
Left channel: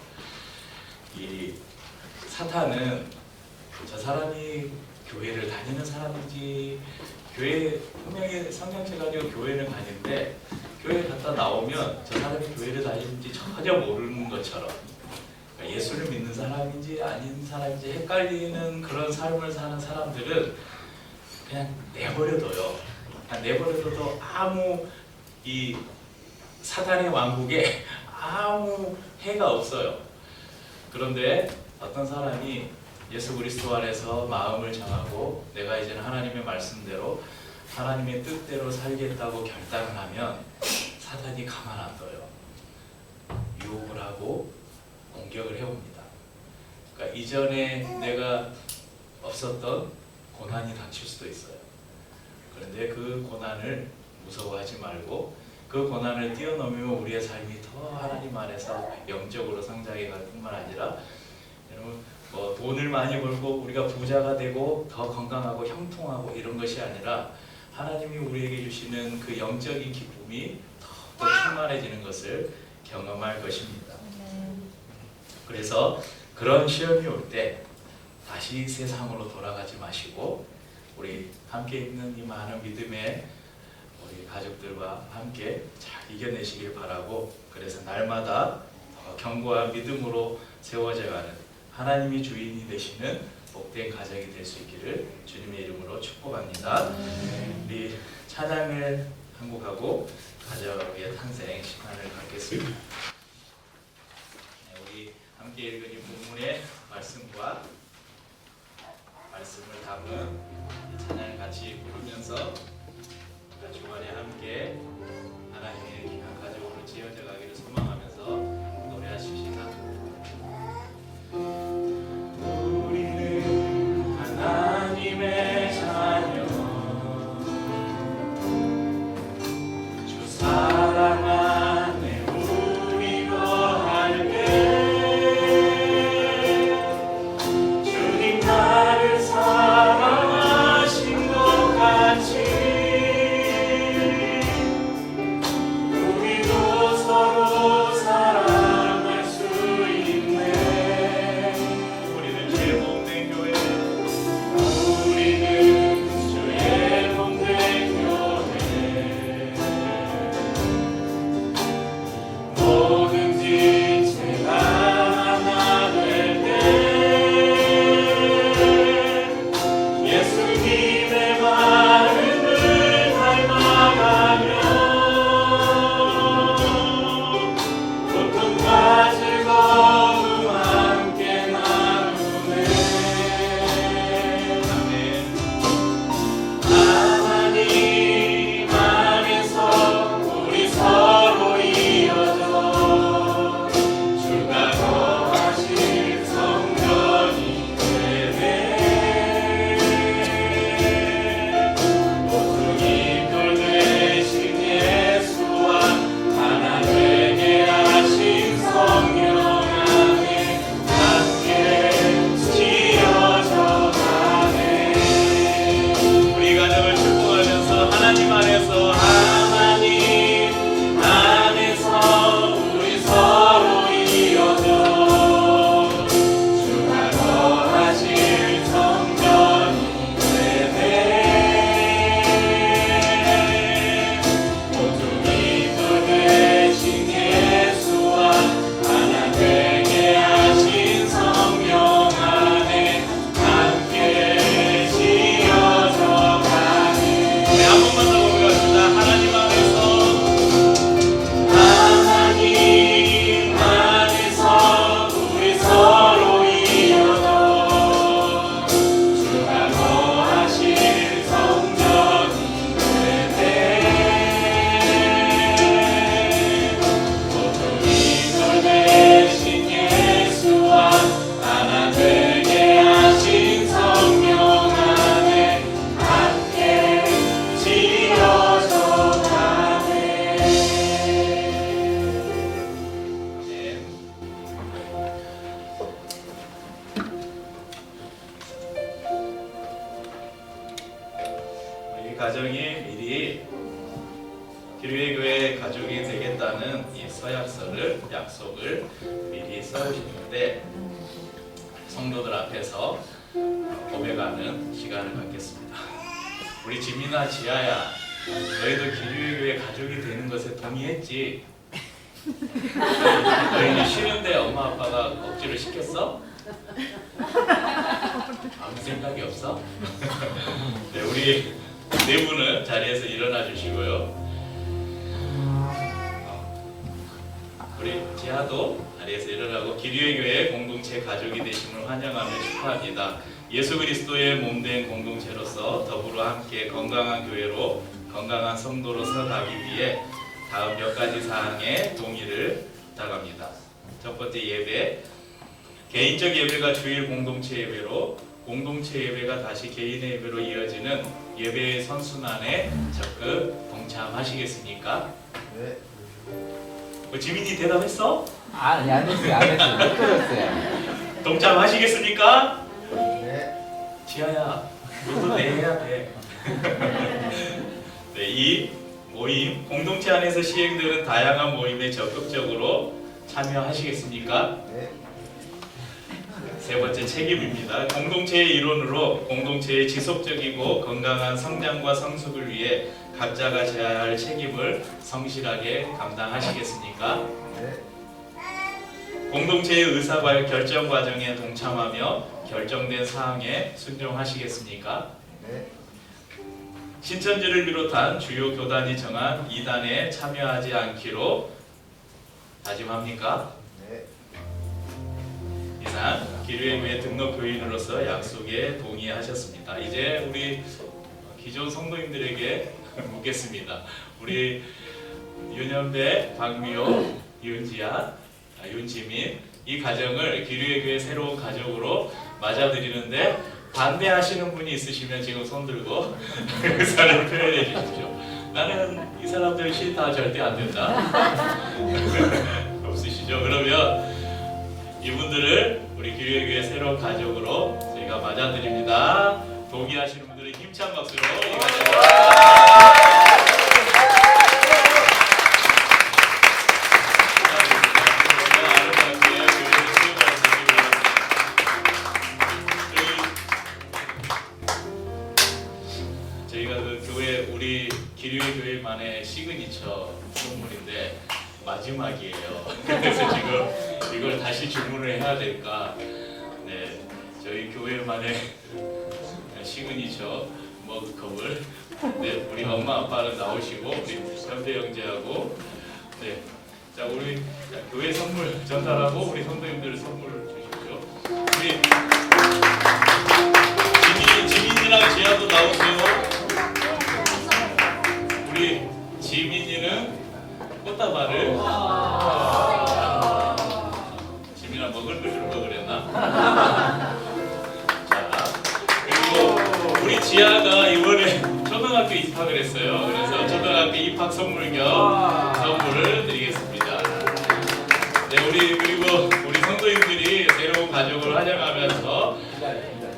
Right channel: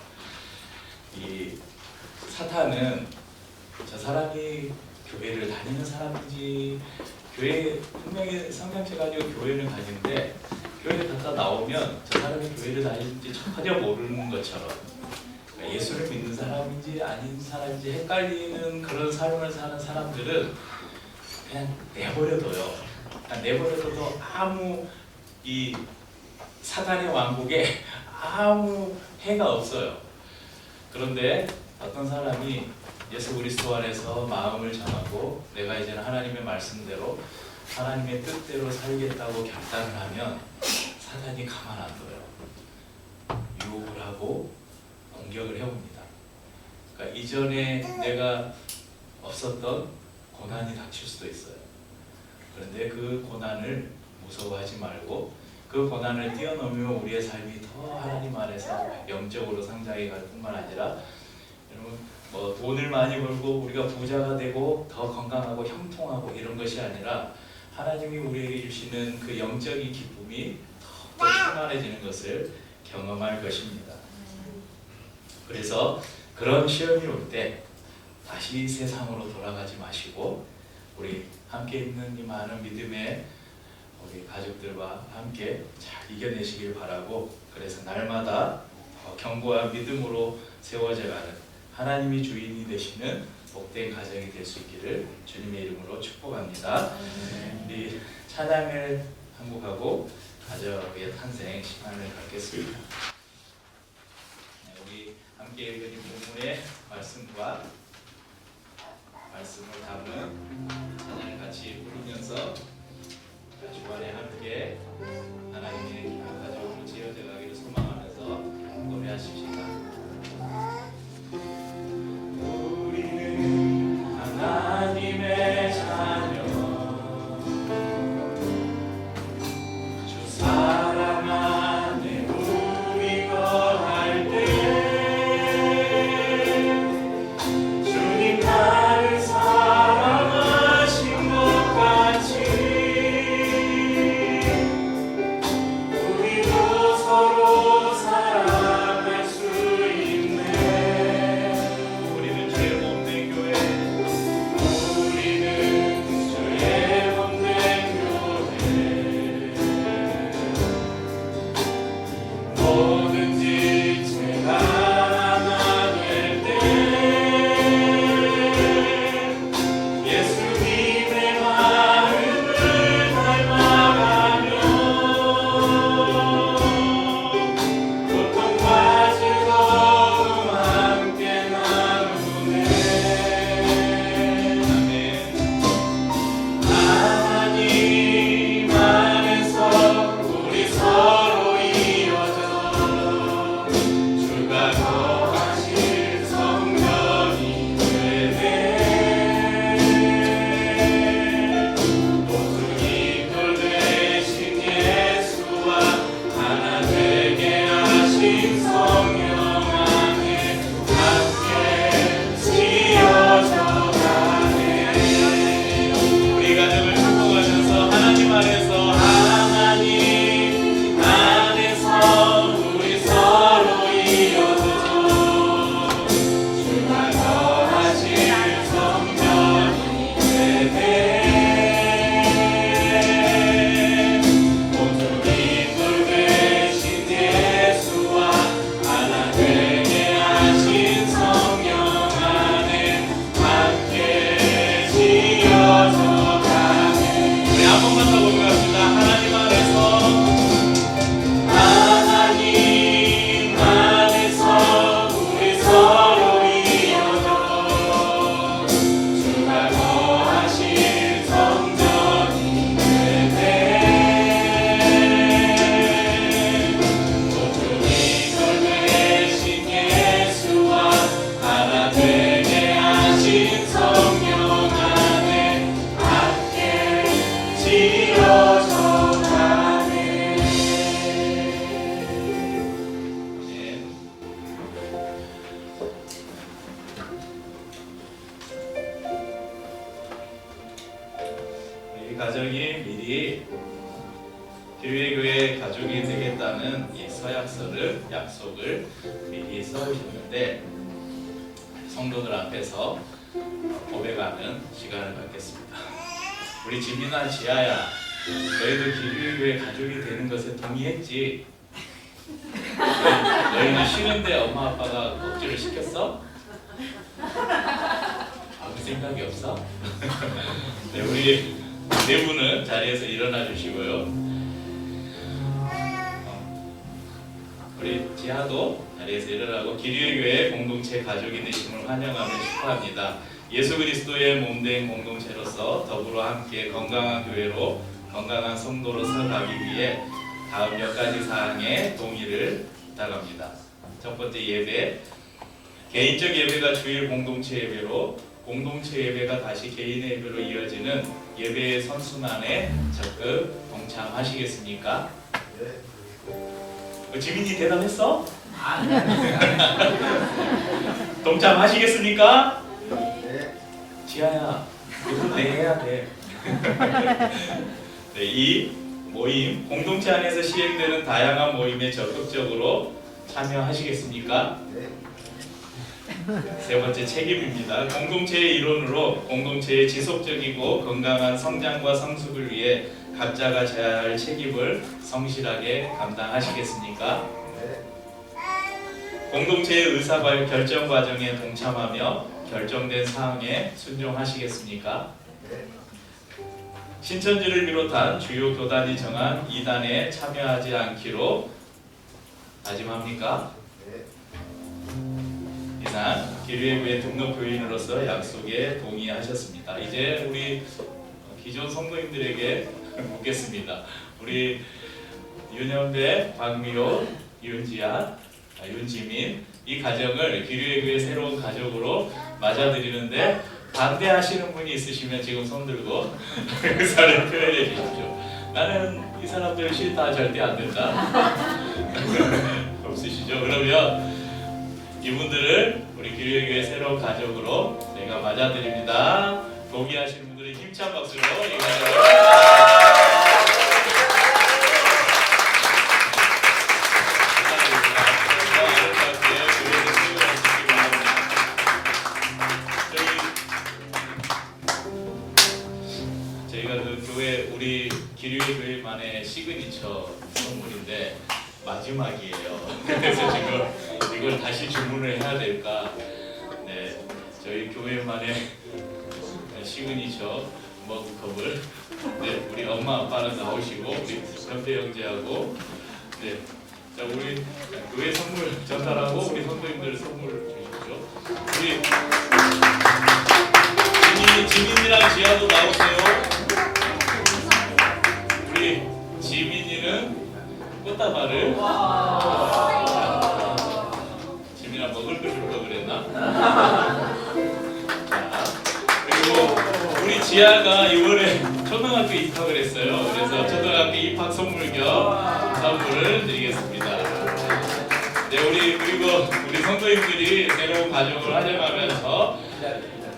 이 사탄은 저 사람이 교회를 다니는 사람인지, 교회 분명히 성경책 가지고 교회를 다니는데 교회 갔다 나오면 저 사람이 교회를 다니는지 전혀 모르는 것처럼, 그러니까 예수를 믿는 사람인지 아닌 사람인지 헷갈리는 그런 삶을 사는 사람들은 그냥 내버려둬요. 그냥 내버려둬도 아무 이 사탄의 왕국에 아무 해가 없어요. 그런데 어떤 사람이 예수 그리스도 안에서 마음을 정하고 내가 이제는 하나님의 말씀대로 하나님의 뜻대로 살겠다고 결단을 하면 사탄이 가만 안 둬요. 유혹을 하고 공격을 해옵니다. 그러니까 이전에 내가 없었던 고난이 닥칠 수도 있어요. 그런데 그 고난을 무서워하지 말고 그 고난을 뛰어넘으면 우리의 삶이 더 하나님 안에서 영적으로 성장해 갈 뿐만 아니라, 여러분 뭐 돈을 많이 벌고 우리가 부자가 되고 더 건강하고 형통하고 이런 것이 아니라 하나님이 우리에게 주시는 그 영적인 기쁨이 더 충만해지는 것을 경험할 것입니다. 그래서 그런 시험이 올 때 다시 세상으로 돌아가지 마시고 우리 함께 있는 이 많은 믿음의 우리 가족들과 함께 잘 이겨내시길 바라고, 그래서 날마다 더 견고한 믿음으로 세워져가는 하나님이 주인이 되시는 복된 가정이 될 수 있기를 주님의 이름으로 축복합니다. 우리 찬양을 한 곡하고 가정의 탄생 시간을 갖겠습니다. 우리 함께 읽은 이 본문의 말씀과 말씀을 담은 찬양을 같이 부르면서 주간에 함께 하나님의 귀한 가족으로 지어져 가기를 소망하면서 노래하십시다. 우리는 하나님의 자녀, 주 사랑 안에 우리 거할 때 주님 나를 사랑하신 것 같이 우리도 서로 사랑할 수 있네. 우리는 죄 없는 교회, 우리는 죄 없는 교회, 뭐든지 제가 하나 될 때 예수님의 마음을 닮아가며 고통과 즐거움 함께 나누네. 하나님 안에서 우리 서로 이어져 주가 거하실 성전이 되네. 모퉁이 돌 되신 예수와 하나 되게 하신 성령 안에 함께 지어져 가네. 우리 가정을 축복하면서 하나님 안에서 우리 서로 이어져 주가 거하실 성전이 되네. 모퉁이 돌 되신 예수와 하나 되게 하신 성령 안에 함께 지어져 가네. 우리 한 번만 더 고백합시다. 하나님 안에서 우리 서로 이어져 주가 거하실 성전이 되네. 모퉁이 돌 되신 예수와 하나 되게 하신 성령 안에 함께 지어져 가네. 아멘. 우리 가정이 미리 기류의 교회 가족이 되겠다는 이 서약서를, 약속을 미리 써오셨는데 성도들 앞에서 고백하는 시간을 갖겠습니다. 우리 지민아, 지아야, 너희도 기류의 교회 가족이 되는 것에 동의했지? 너희는 싫은데 엄마 아빠가 억지로 시켰어? 아무 생각이 없어? 네, 우리 네 분은 자리에서 일어나 주시고요. 우리 지하도 자리에서 일어나고 기류의 교회 공동체 가족이 되심을 환영하며 축하합니다. 예수 그리스도의 몸된 공동체로서 더불어 함께 건강한 교회로, 건강한 성도로서 가기 위해 다음 몇 가지 사항의 동의를 부탁합니다. 첫 번째, 예배. 개인적 예배가 주일 공동체 예배로, 공동체 예배가 다시 개인의 예배로 이어지는 예배의 선순환에 적극 동참하시겠습니까? 네. 지민이 대답했어? 안 했어요. 동참하시겠습니까? 네. 지아야, 너도 네 해야 돼. 네, 이 모임, 공동체 안에서 시행되는 다양한 모임에 적극적으로 참여하시겠습니까? 네. 세 번째, 책임입니다. 공동체의 일원으로 공동체의 지속적이고 건강한 성장과 성숙을 위해 각자가 져야 할 책임을 성실하게 감당하시겠습니까? 네. 공동체의 결정 과정에 동참하며 결정된 사항에 순종하시겠습니까? 네. 신천지를 비롯한 주요 교단이 정한 이단에 참여하지 않기로 다짐합니까? 네. 이상 기류회교회 등록 교인으로서 약속에 동의하셨습니다. 이제 우리 기존 성도님들에게 묻겠습니다. 우리 윤현배, 박미호, 윤지아, 윤지민 이 가정을 기류회교회 새로운 가족으로 맞아들이는데 반대하시는 분이 있으시면 지금 손들고 의사를 표현해 주십시오. 나는 이 사람들 싫다, 절대 안 된다. 없으시죠? 그러면 이분들을 우리 기류회교회 새로운 가족으로 저희가 맞아드립니다. 동의하시는 분들은 힘찬 박수로 이 가정을 저희가 그 교회 우리 기류회 교회만의 시그니처 선물인데 마지막이에요. 그래서 지금 이걸 다시 주문을 해야 될까? 네, 저희 교회만의 시그니처 머그컵을 네, 우리 엄마 아빠는 나오시고 우리 현대 형제하고 네, 자 우리 교회 선물 전달하고 우리 선도님들 선물 주십시오. 우리 지민이랑 지아도 나오세요. 우리 지민이는 꽃다발을 지민아 먹을 거 줄 거 그랬나? 자 그리고 우리 지아가 이번에 초등학교 입학을 했어요. 그래서 초등학교 입학 선물 겸 선물을 드리겠습니다. 네, 그리고 우리 성도님들이 새로운 가족을 환영하면서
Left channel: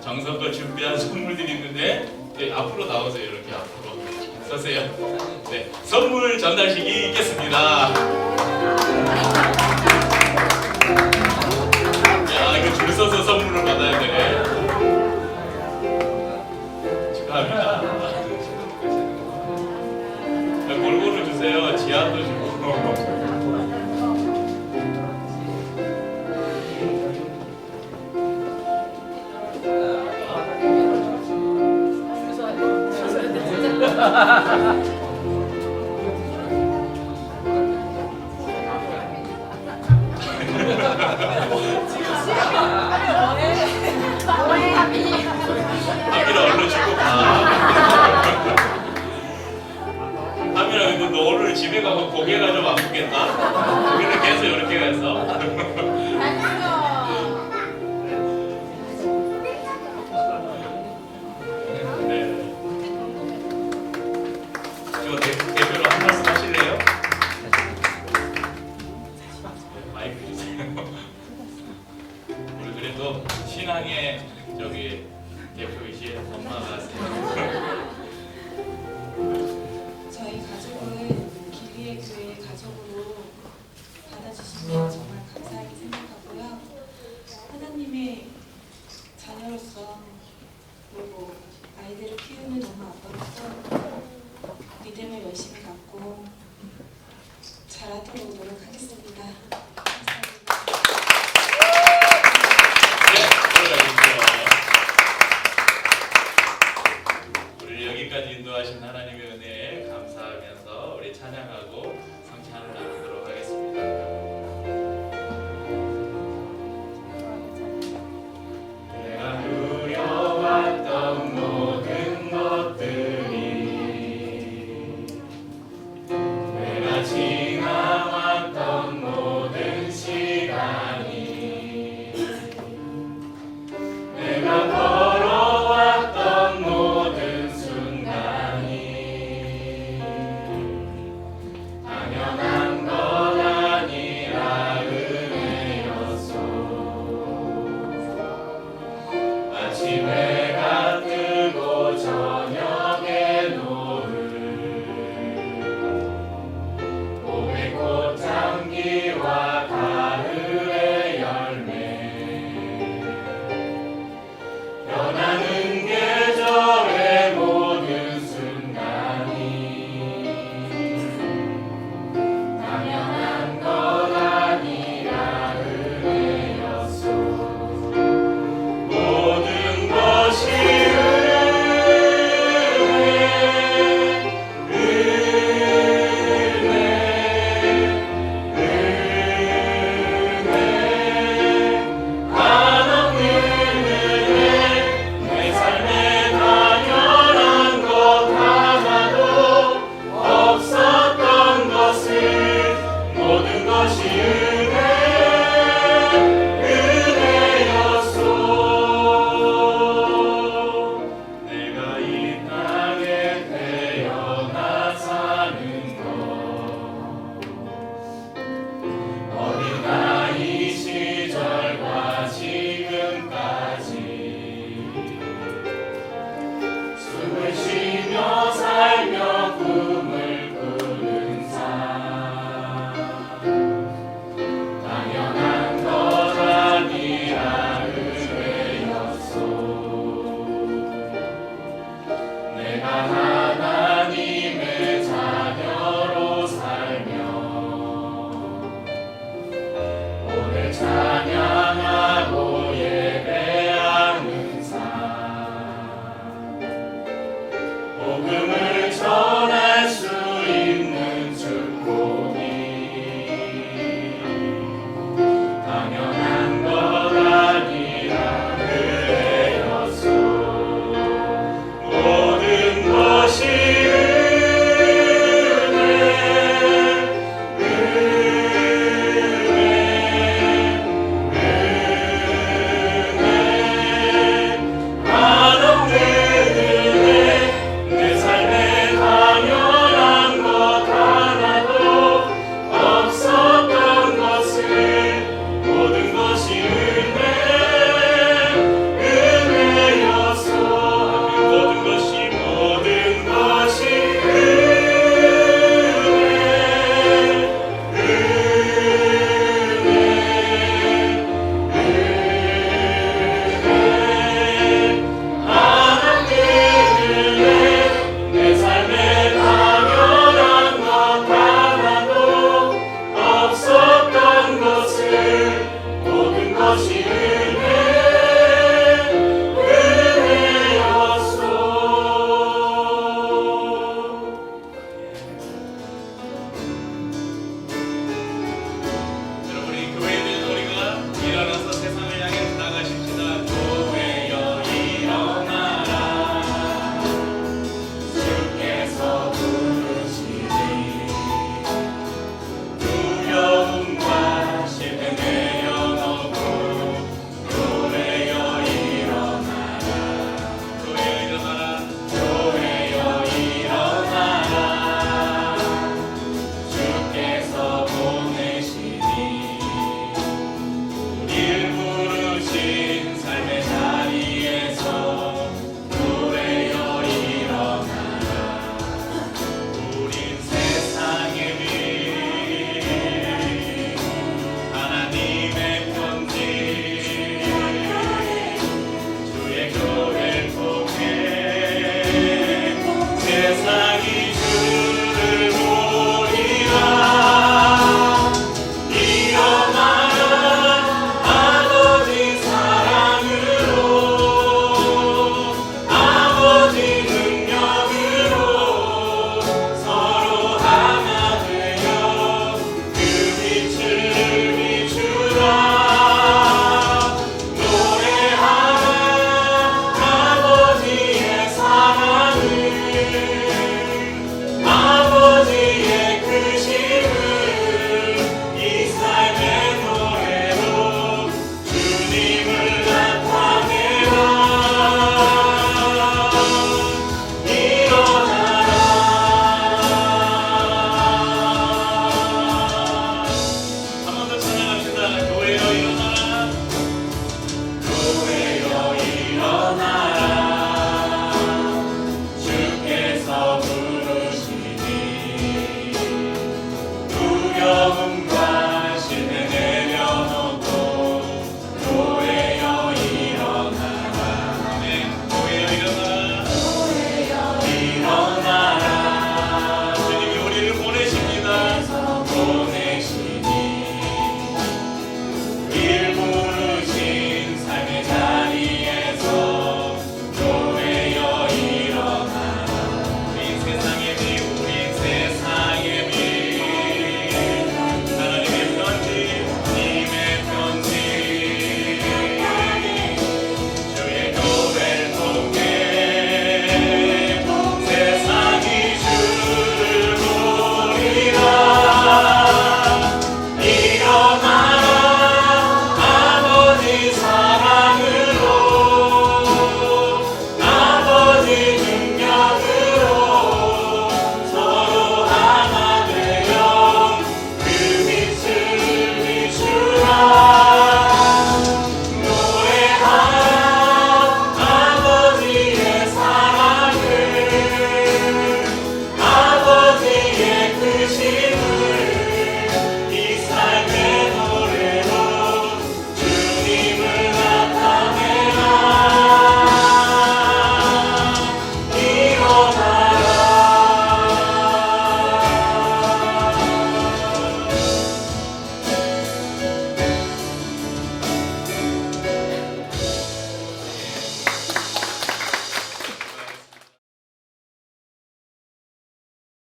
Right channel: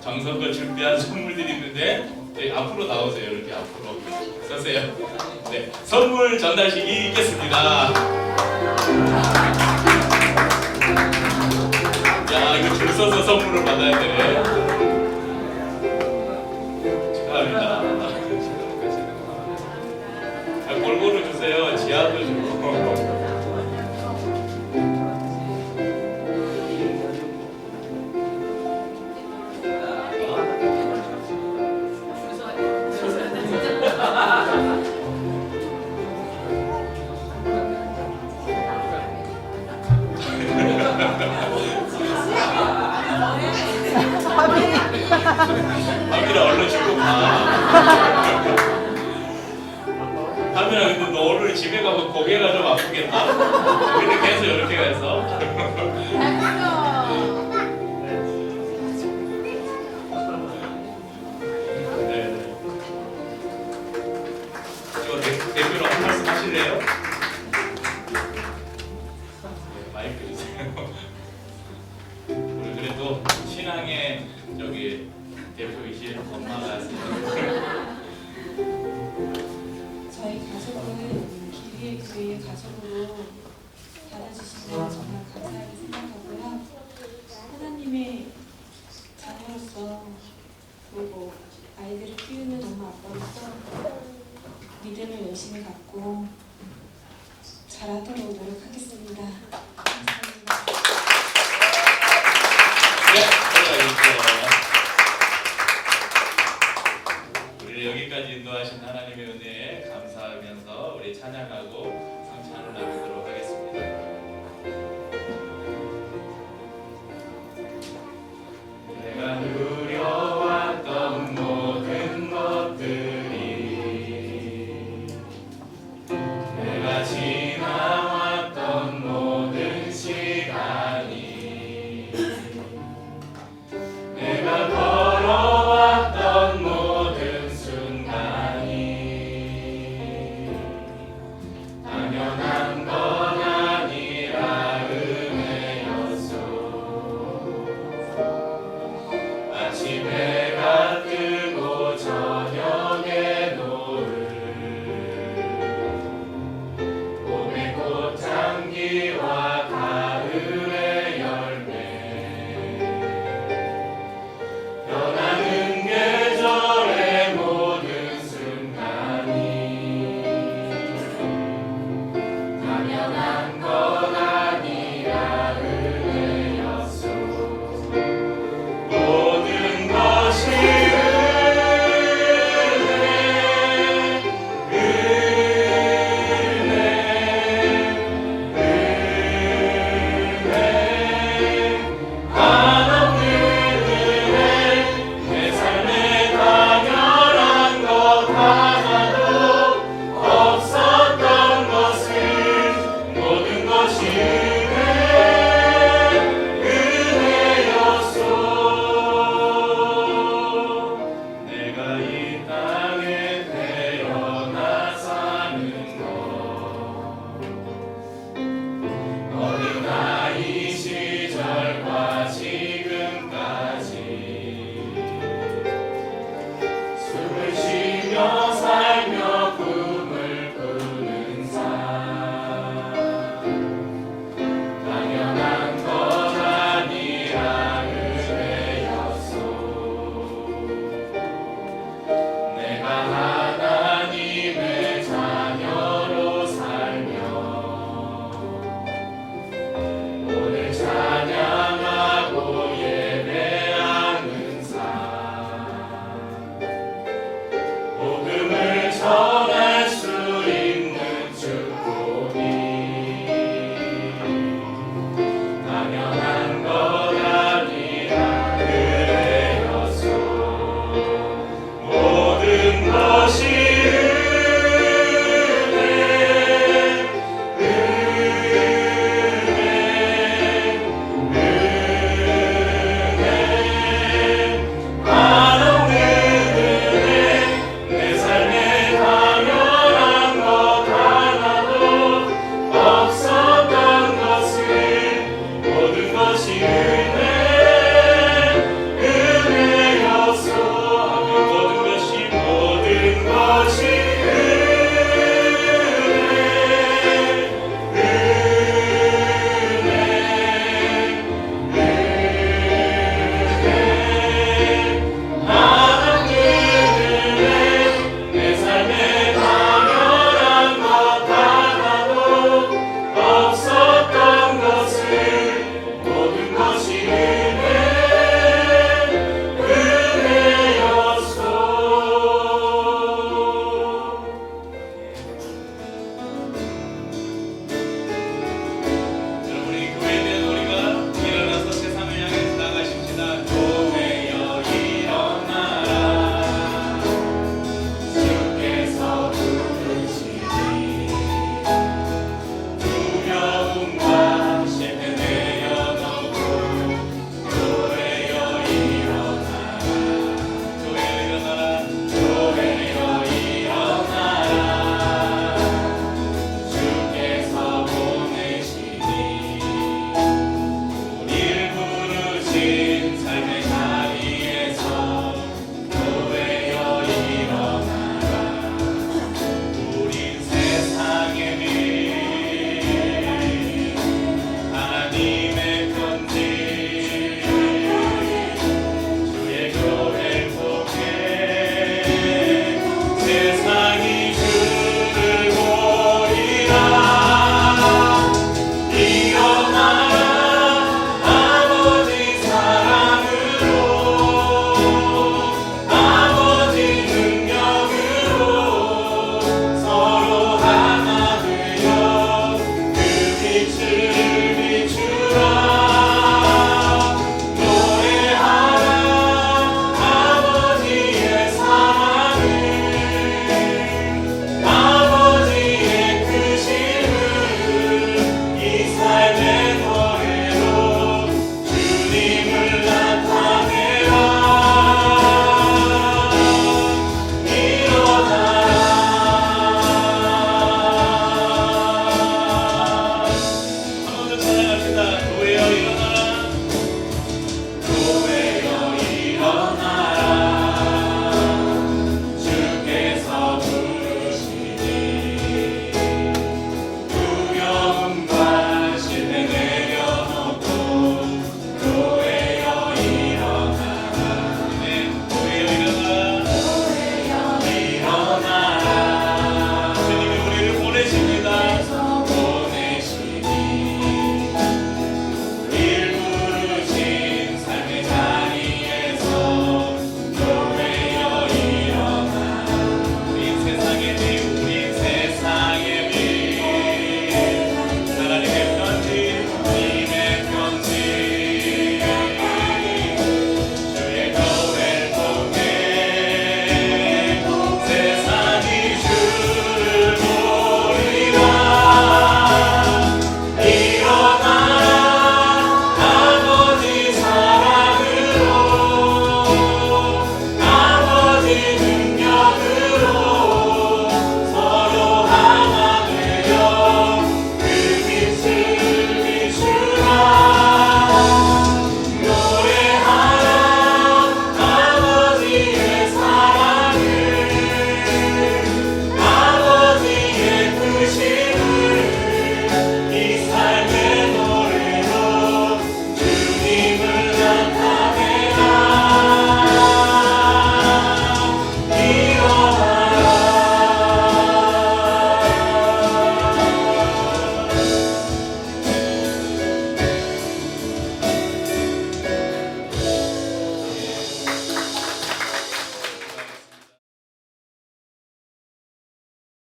정성껏 준비한 선물들이 있는데 네, 앞으로 나오세요. 이렇게 앞으로 서세요. 네, 선물 전달식이 있겠습니다. 야, 이거 줄 서서 선물을 받아야 되네. 축하합니다. 골고루 주세요. 지하도 주고. 하민아 얼른 주고 가. 하민아 근데 너 오늘 집에 가서 고개가 좀 아프겠다. 이렇게 해서 이렇게 해서. 네. 저 대표로 한 말씀 하실래요? 네, 마이크 주세요. 우리 그래도 신앙의 저기 대표이신 엄마가 하세요. 저희 가족을 기리의 교회의 가족으로 받아주시면 정말 감사하게 생각하고요. 하나님의 자녀로서 그리고 아이들을 키우는 엄마 아빠로서 믿음을 열심히 갖고 잘하도록 노력하겠습니다. 감사합니다. 네, 들어가겠죠. 우리 여기까지 인도하신 하나님의 은혜에 감사하면서 우리 찬양하고 성찬을 나누겠습니다. 것이